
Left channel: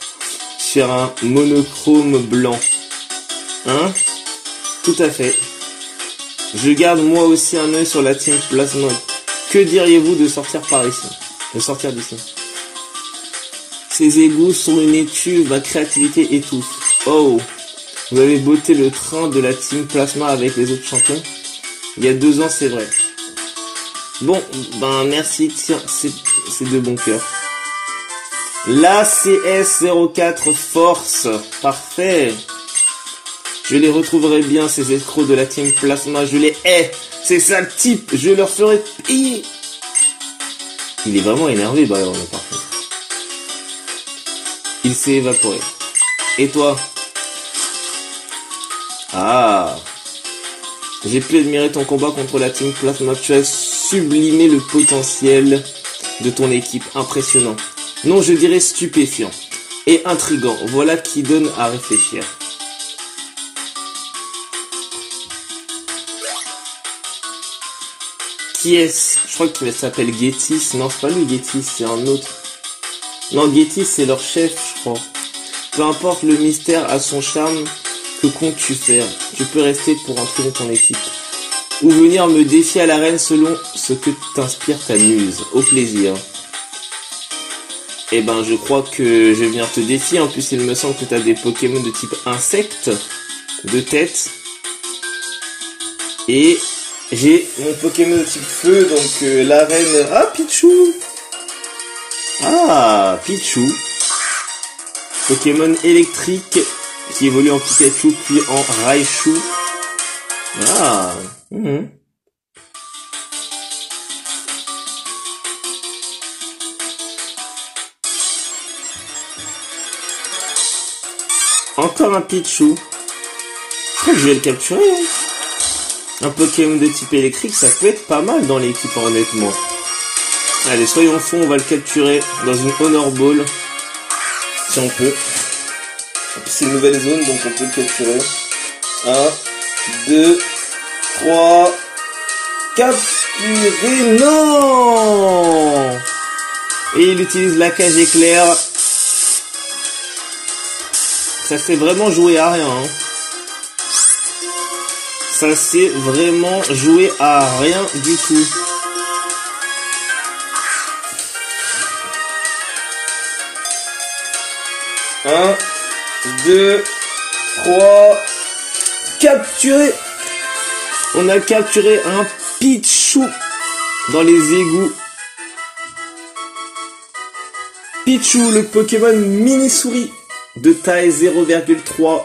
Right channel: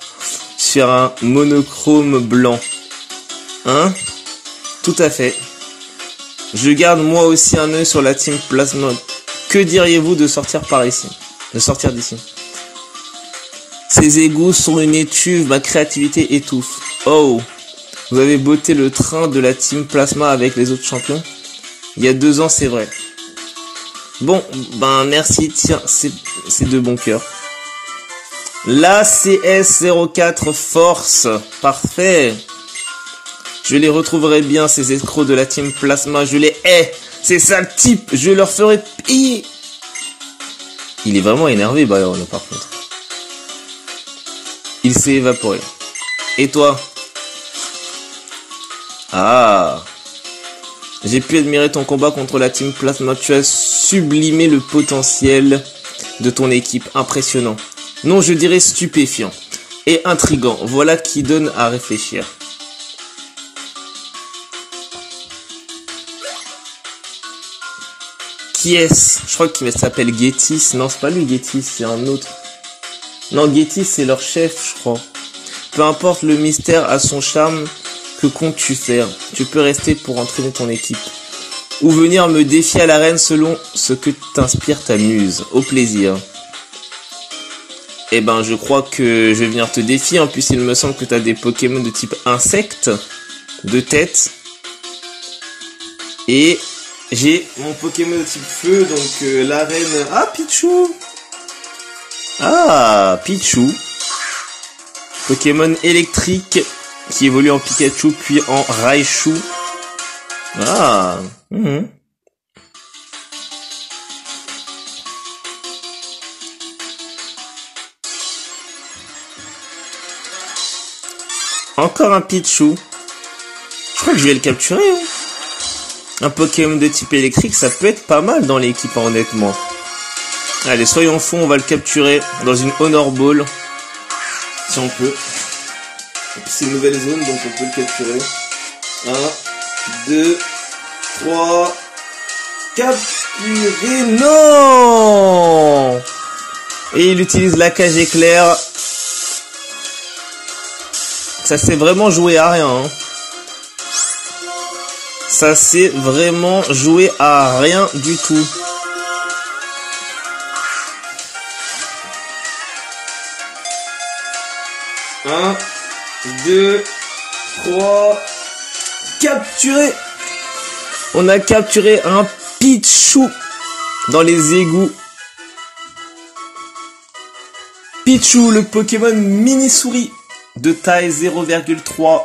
Sur un monochrome blanc. Hein? Tout à fait. Je garde moi aussi un œil sur la team Plasma. Que diriez-vous de sortir par ici? De sortir d'ici? Ces égouts sont une étuve, ma créativité étouffe. Oh, vous avez botté le train de la team Plasma avec les autres champions? Il y a 2 ans, c'est vrai. Bon, ben merci, tiens, c'est de bon cœur. La CS04 Force, parfait. Je les retrouverai bien, ces escrocs de la team Plasma, je les hais. Ces sales types, je leur ferai pire. Il est vraiment énervé, Bayon, par contre. Il s'est évaporé. Et toi? Ah. J'ai pu admirer ton combat contre la team Plasma. Tu as sublimé le potentiel de ton équipe. Impressionnant. Non, je dirais stupéfiant. Et intriguant. Voilà qui donne à réfléchir. Qui est-ce? Je crois qu'il s'appelle Getis. Non, c'est pas lui Getis, c'est un autre. Non, Getis, c'est leur chef, je crois. Peu importe le mystère à son charme, que comptes-tu faire? Tu peux rester pour entraîner ton équipe. Ou venir me défier à l'arène selon ce que t'inspire ta muse. Au plaisir. Eh ben, je crois que je vais venir te défier. En plus, il me semble que t'as des Pokémon de type insecte, de tête. Et j'ai mon Pokémon de type feu, donc l'arène... Ah, Pichu! Ah, Pichu. Pokémon électrique qui évolue en Pikachu puis en Raichu. Ah. Encore un Pichu. Je crois que je vais le capturer. Hein. Un Pokémon de type électrique, ça peut être pas mal dans l'équipe, honnêtement. Allez, soyons fous, on va le capturer dans une Honor Ball. Si on peut. C'est une nouvelle zone, donc on peut le capturer. 1, 2, 3, capturer. Non! Et il utilise la cage éclair. Ça s'est vraiment joué à rien. Hein. Ça s'est vraiment joué à rien du tout. Un, 2, 3, capturé. On a capturé un Pichu dans les égouts. Pichu, le Pokémon mini-souris de taille 0,3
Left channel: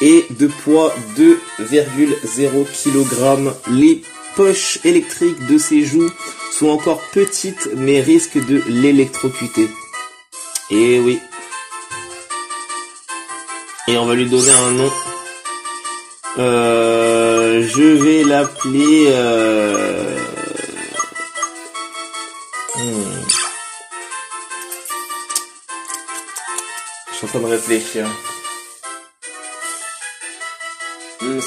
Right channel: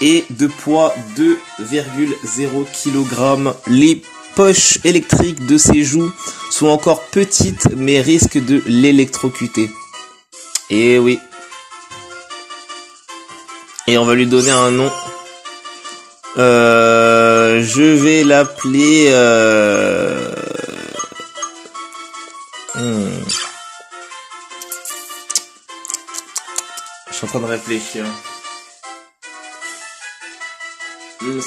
et de poids 2,0 kg. Les poches électriques de ses joues sont encore petites mais risquent de l'électrocuter. Et oui. Et on va lui donner un nom. Je vais l'appeler... Je suis en train de réfléchir.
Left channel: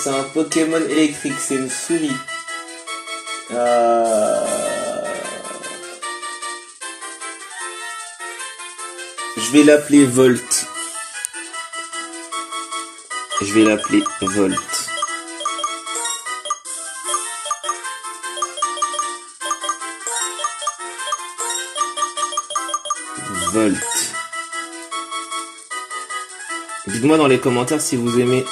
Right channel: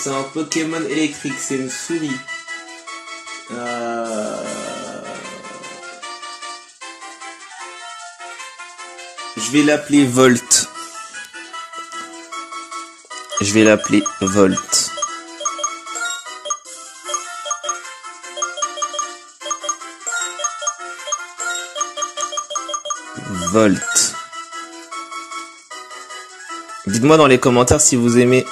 C'est un Pokémon électrique, c'est une souris. Je vais l'appeler Volt. Je vais l'appeler Volt. Volt. Dites-moi dans les commentaires si vous aimez.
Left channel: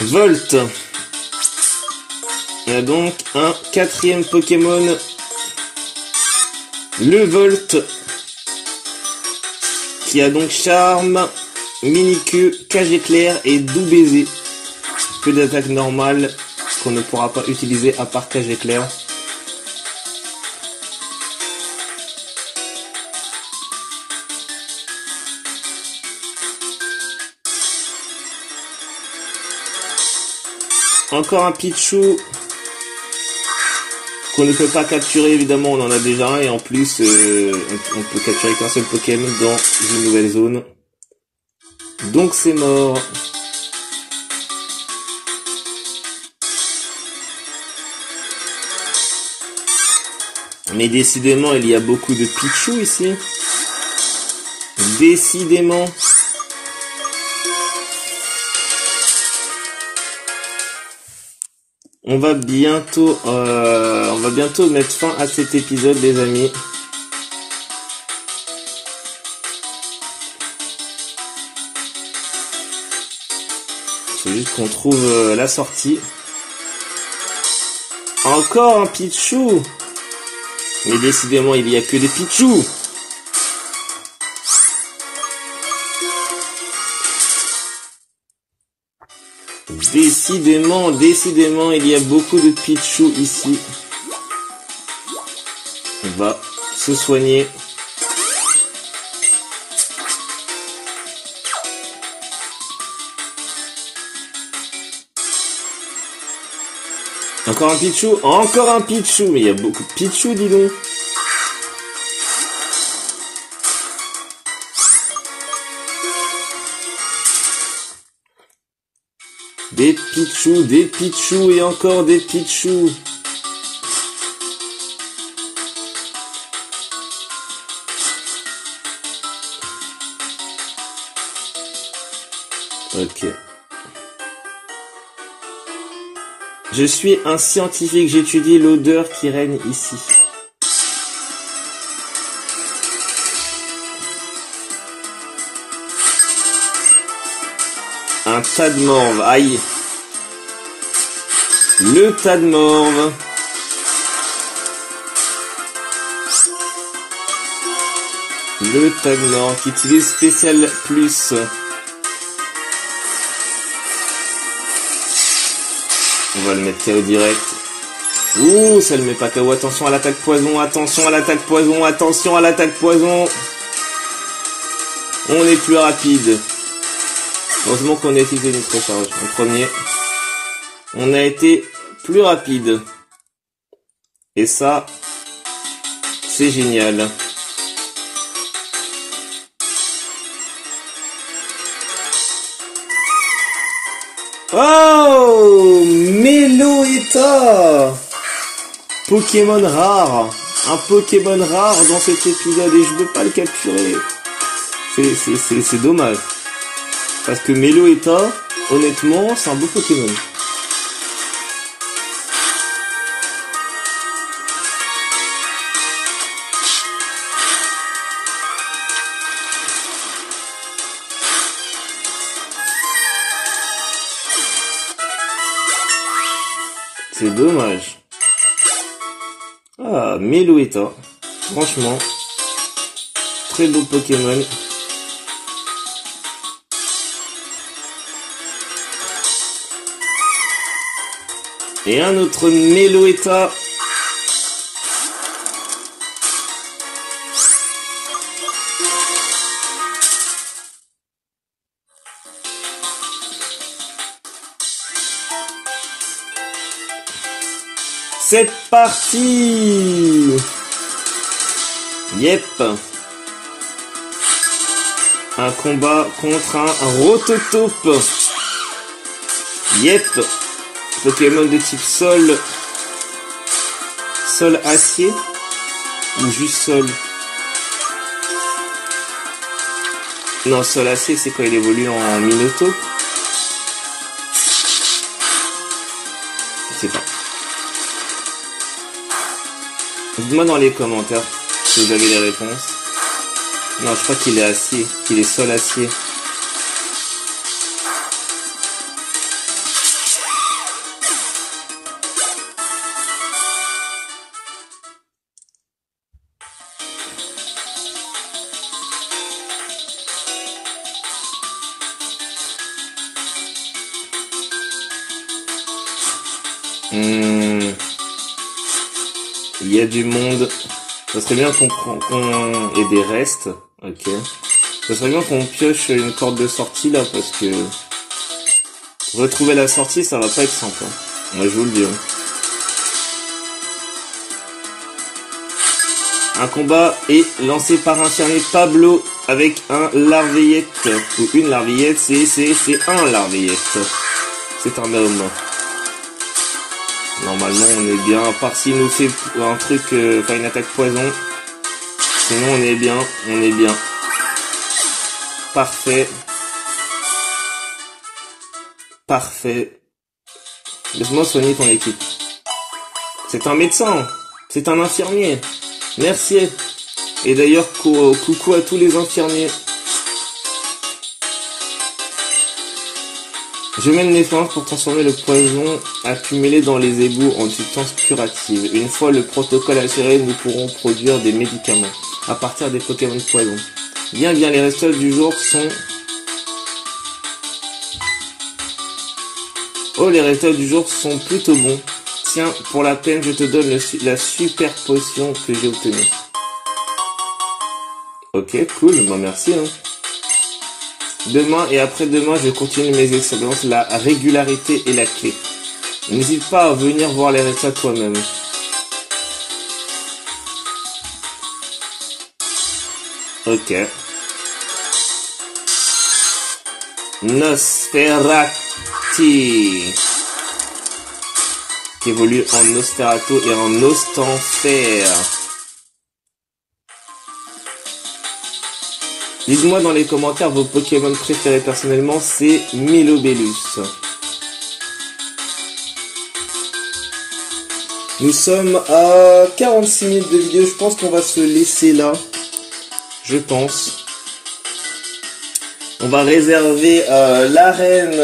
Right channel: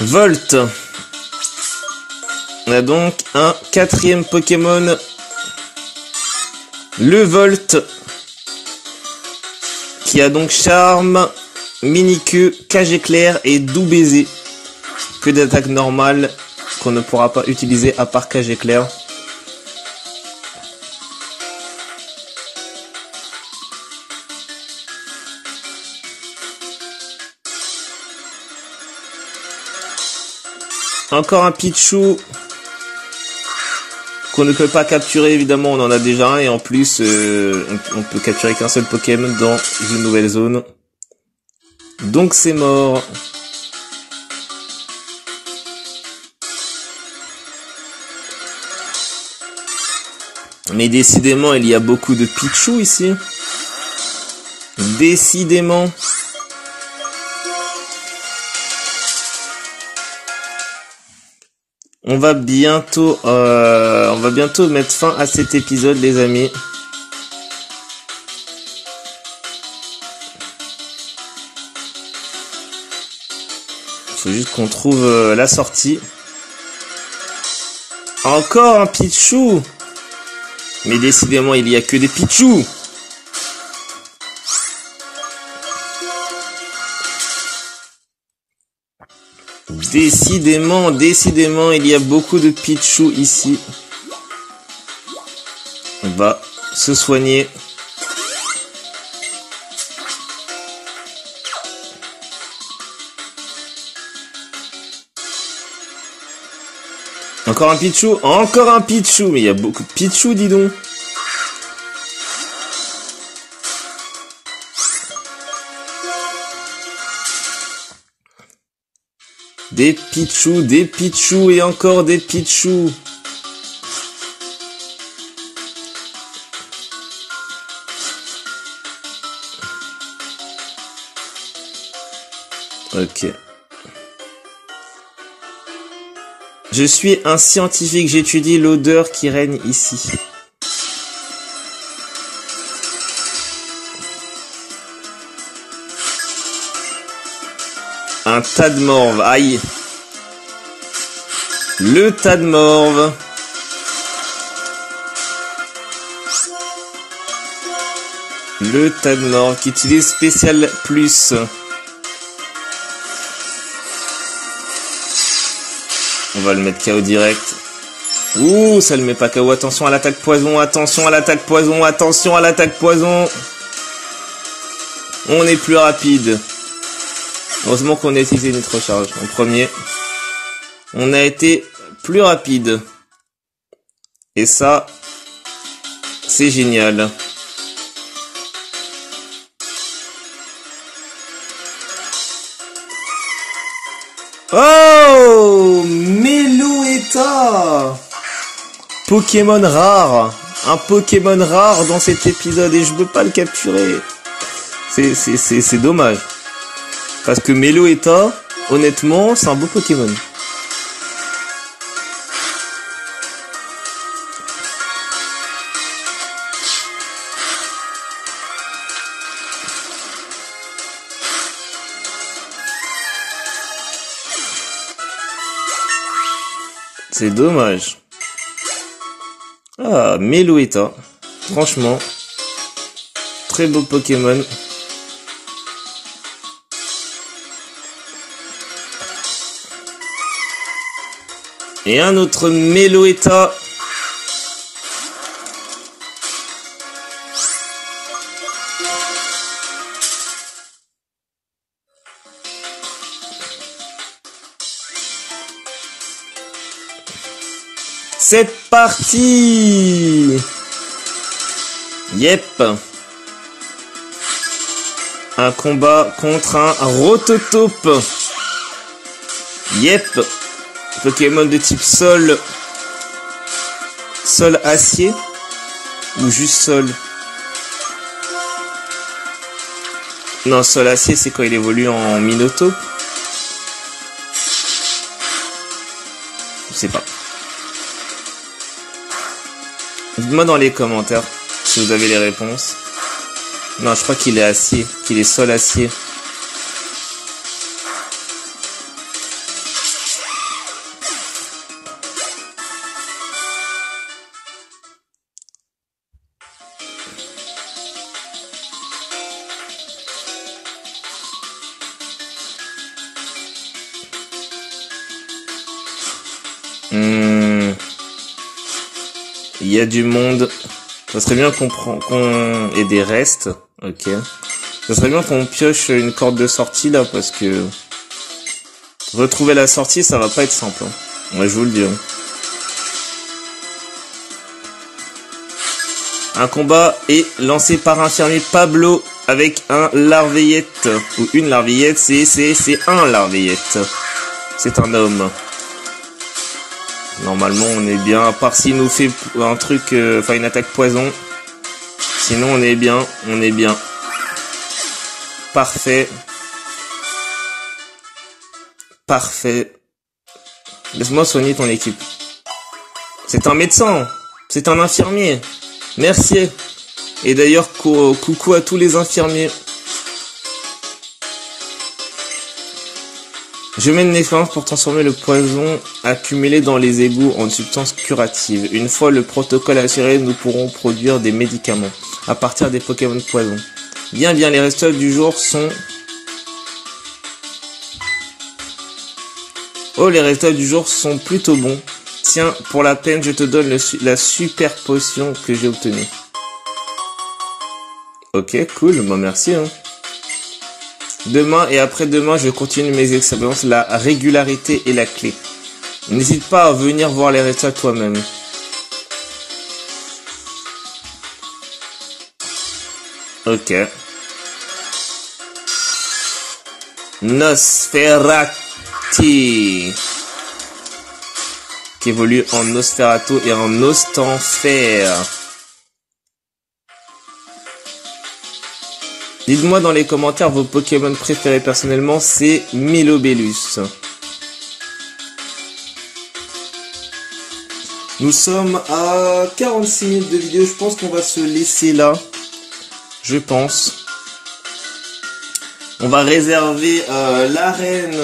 Volt. On a donc un 4e Pokémon. Le Volt. Qui a donc charme, mini-queue, cage éclair et doux baiser. Que d'attaque normale qu'on ne pourra pas utiliser à part cage éclair. Encore un Pichu. qu'on ne peut pas capturer, évidemment, on en a déjà un, et en plus, on peut capturer qu'un seul Pokémon dans une nouvelle zone. Donc c'est mort. Mais décidément, il y a beaucoup de Pichu ici. Décidément. On va bientôt mettre fin à cet épisode, les amis. Il faut juste qu'on trouve la sortie. Encore un Pichu. Mais décidément, il n'y a que des Pichu. Décidément, il y a beaucoup de Pichu ici. On va se soigner. Encore un Pichu, mais il y a beaucoup de Pichu, dis donc. Des Pichu et encore des Pichu. Ok. Je suis un scientifique, j'étudie l'odeur qui règne ici. Un tas de morve, aïe. Le tas de morve. Le tas de morve qui utilise spécial plus. On va le mettre KO direct. Ouh, ça le met pas KO. Attention à l'attaque poison, attention à l'attaque poison, attention à l'attaque poison. On est plus rapide. Heureusement qu'on a utilisé une recharge en premier. On a été plus rapide. Et ça, c'est génial. Oh, Meloetta, Pokémon rare. Un Pokémon rare dans cet épisode et je peux pas le capturer. C'est dommage. Parce que Meloetta, honnêtement, c'est un beau Pokémon. C'est dommage. Ah, Meloetta. Franchement, très beau Pokémon. Et un autre Meloetta. C'est parti. Yep. Un combat contre un Rototope. Yep. Pokémon de type sol. Sol acier. Ou juste sol. Non, sol acier, c'est quand il évolue en Minotaur. Je sais pas. Dites-moi dans les commentaires si vous avez les réponses. Non, je crois qu'il est acier, qu'il est sol acier. Il y a du monde. Ça serait bien qu'on ait des restes. Ok. Ça serait bien qu'on pioche une corde de sortie là parce que retrouver la sortie ça va pas être simple. Hein. Ouais, je vous le dis. Hein. Un combat est lancé par un fermier Pablo avec un larveillette. Ou une larveillette, c'est un larveillette. C'est un homme. Normalement on est bien, à part s'il nous fait un truc, enfin une attaque poison. Sinon on est bien, Parfait. Parfait. Laisse-moi soigner ton équipe. C'est un médecin. C'est un infirmier. Merci. Et d'ailleurs, coucou à tous les infirmiers. Je mène l'effort pour transformer le poison accumulé dans les égouts en substance curative. Une fois le protocole assuré, nous pourrons produire des médicaments à partir des Pokémon de poison. Bien, les résultats du jour sont... Oh, les résultats du jour sont plutôt bons. Tiens, pour la peine, je te donne la super potion que j'ai obtenue. Ok, cool, bon merci. Hein. Demain et après-demain, je continue mes expériences. La régularité est la clé. N'hésite pas à venir voir les résultats toi-même. Ok. Nosferatu. Qui évolue en Nosferatu et en Nostanfer. Dites-moi dans les commentaires vos Pokémon préférés. Personnellement, c'est Milobellus. Nous sommes à 46 minutes de vidéo. Je pense qu'on va se laisser là. Je pense. On va réserver l'arène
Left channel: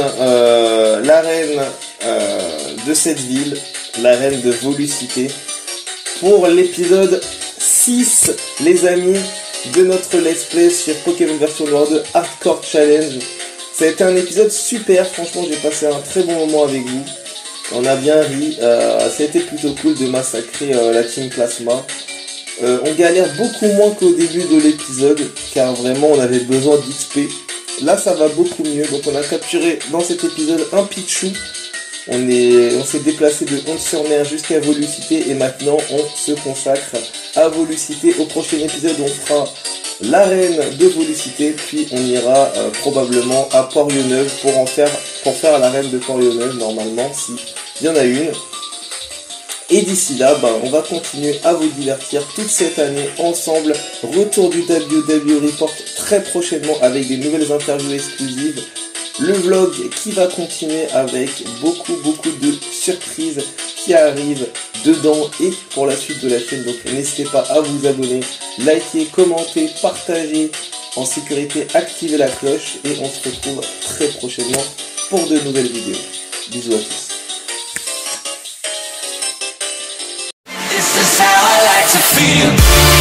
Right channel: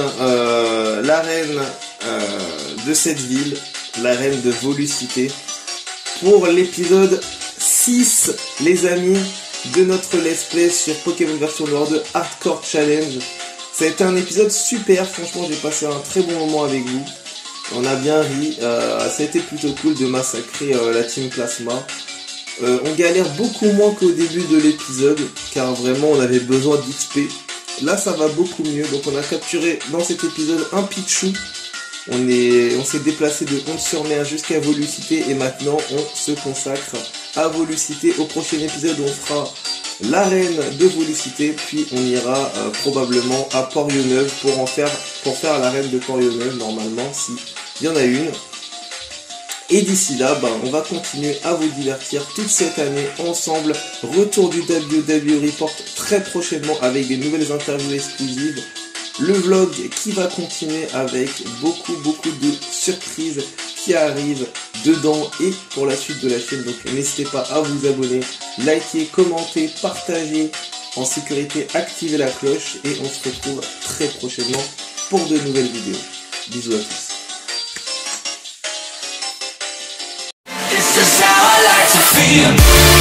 de cette ville, l'arène de Volucité, pour l'épisode 6, les amis, de notre let's play sur Pokémon version World Hardcore Challenge. Ça a été un épisode super, franchement j'ai passé un très bon moment avec vous. On a bien ri, ça a été plutôt cool de massacrer la Team Plasma. On galère beaucoup moins qu'au début de l'épisode, car vraiment on avait besoin d'XP. Là ça va beaucoup mieux, donc on a capturé dans cet épisode un Pichu. On s'est déplacé de 11-sur-Mer jusqu'à Volucité et maintenant on se consacre à Volucité. Au prochain épisode on fera l'arène de Volucité, puis on ira probablement à Port-Lyonneuve pour faire l'arène de Port-Lyonneuve normalement, si il y en a une. Et d'ici là, on va continuer à vous divertir toute cette année ensemble. Retour du WW Report très prochainement avec des nouvelles interviews exclusives. Le vlog qui va continuer avec beaucoup de surprises qui arrivent dedans et pour la suite de la chaîne. Donc n'hésitez pas à vous abonner, liker, commenter, partager en sécurité, activer la cloche et on se retrouve très prochainement pour de nouvelles vidéos. Bisous à tous. This is how I like to feel.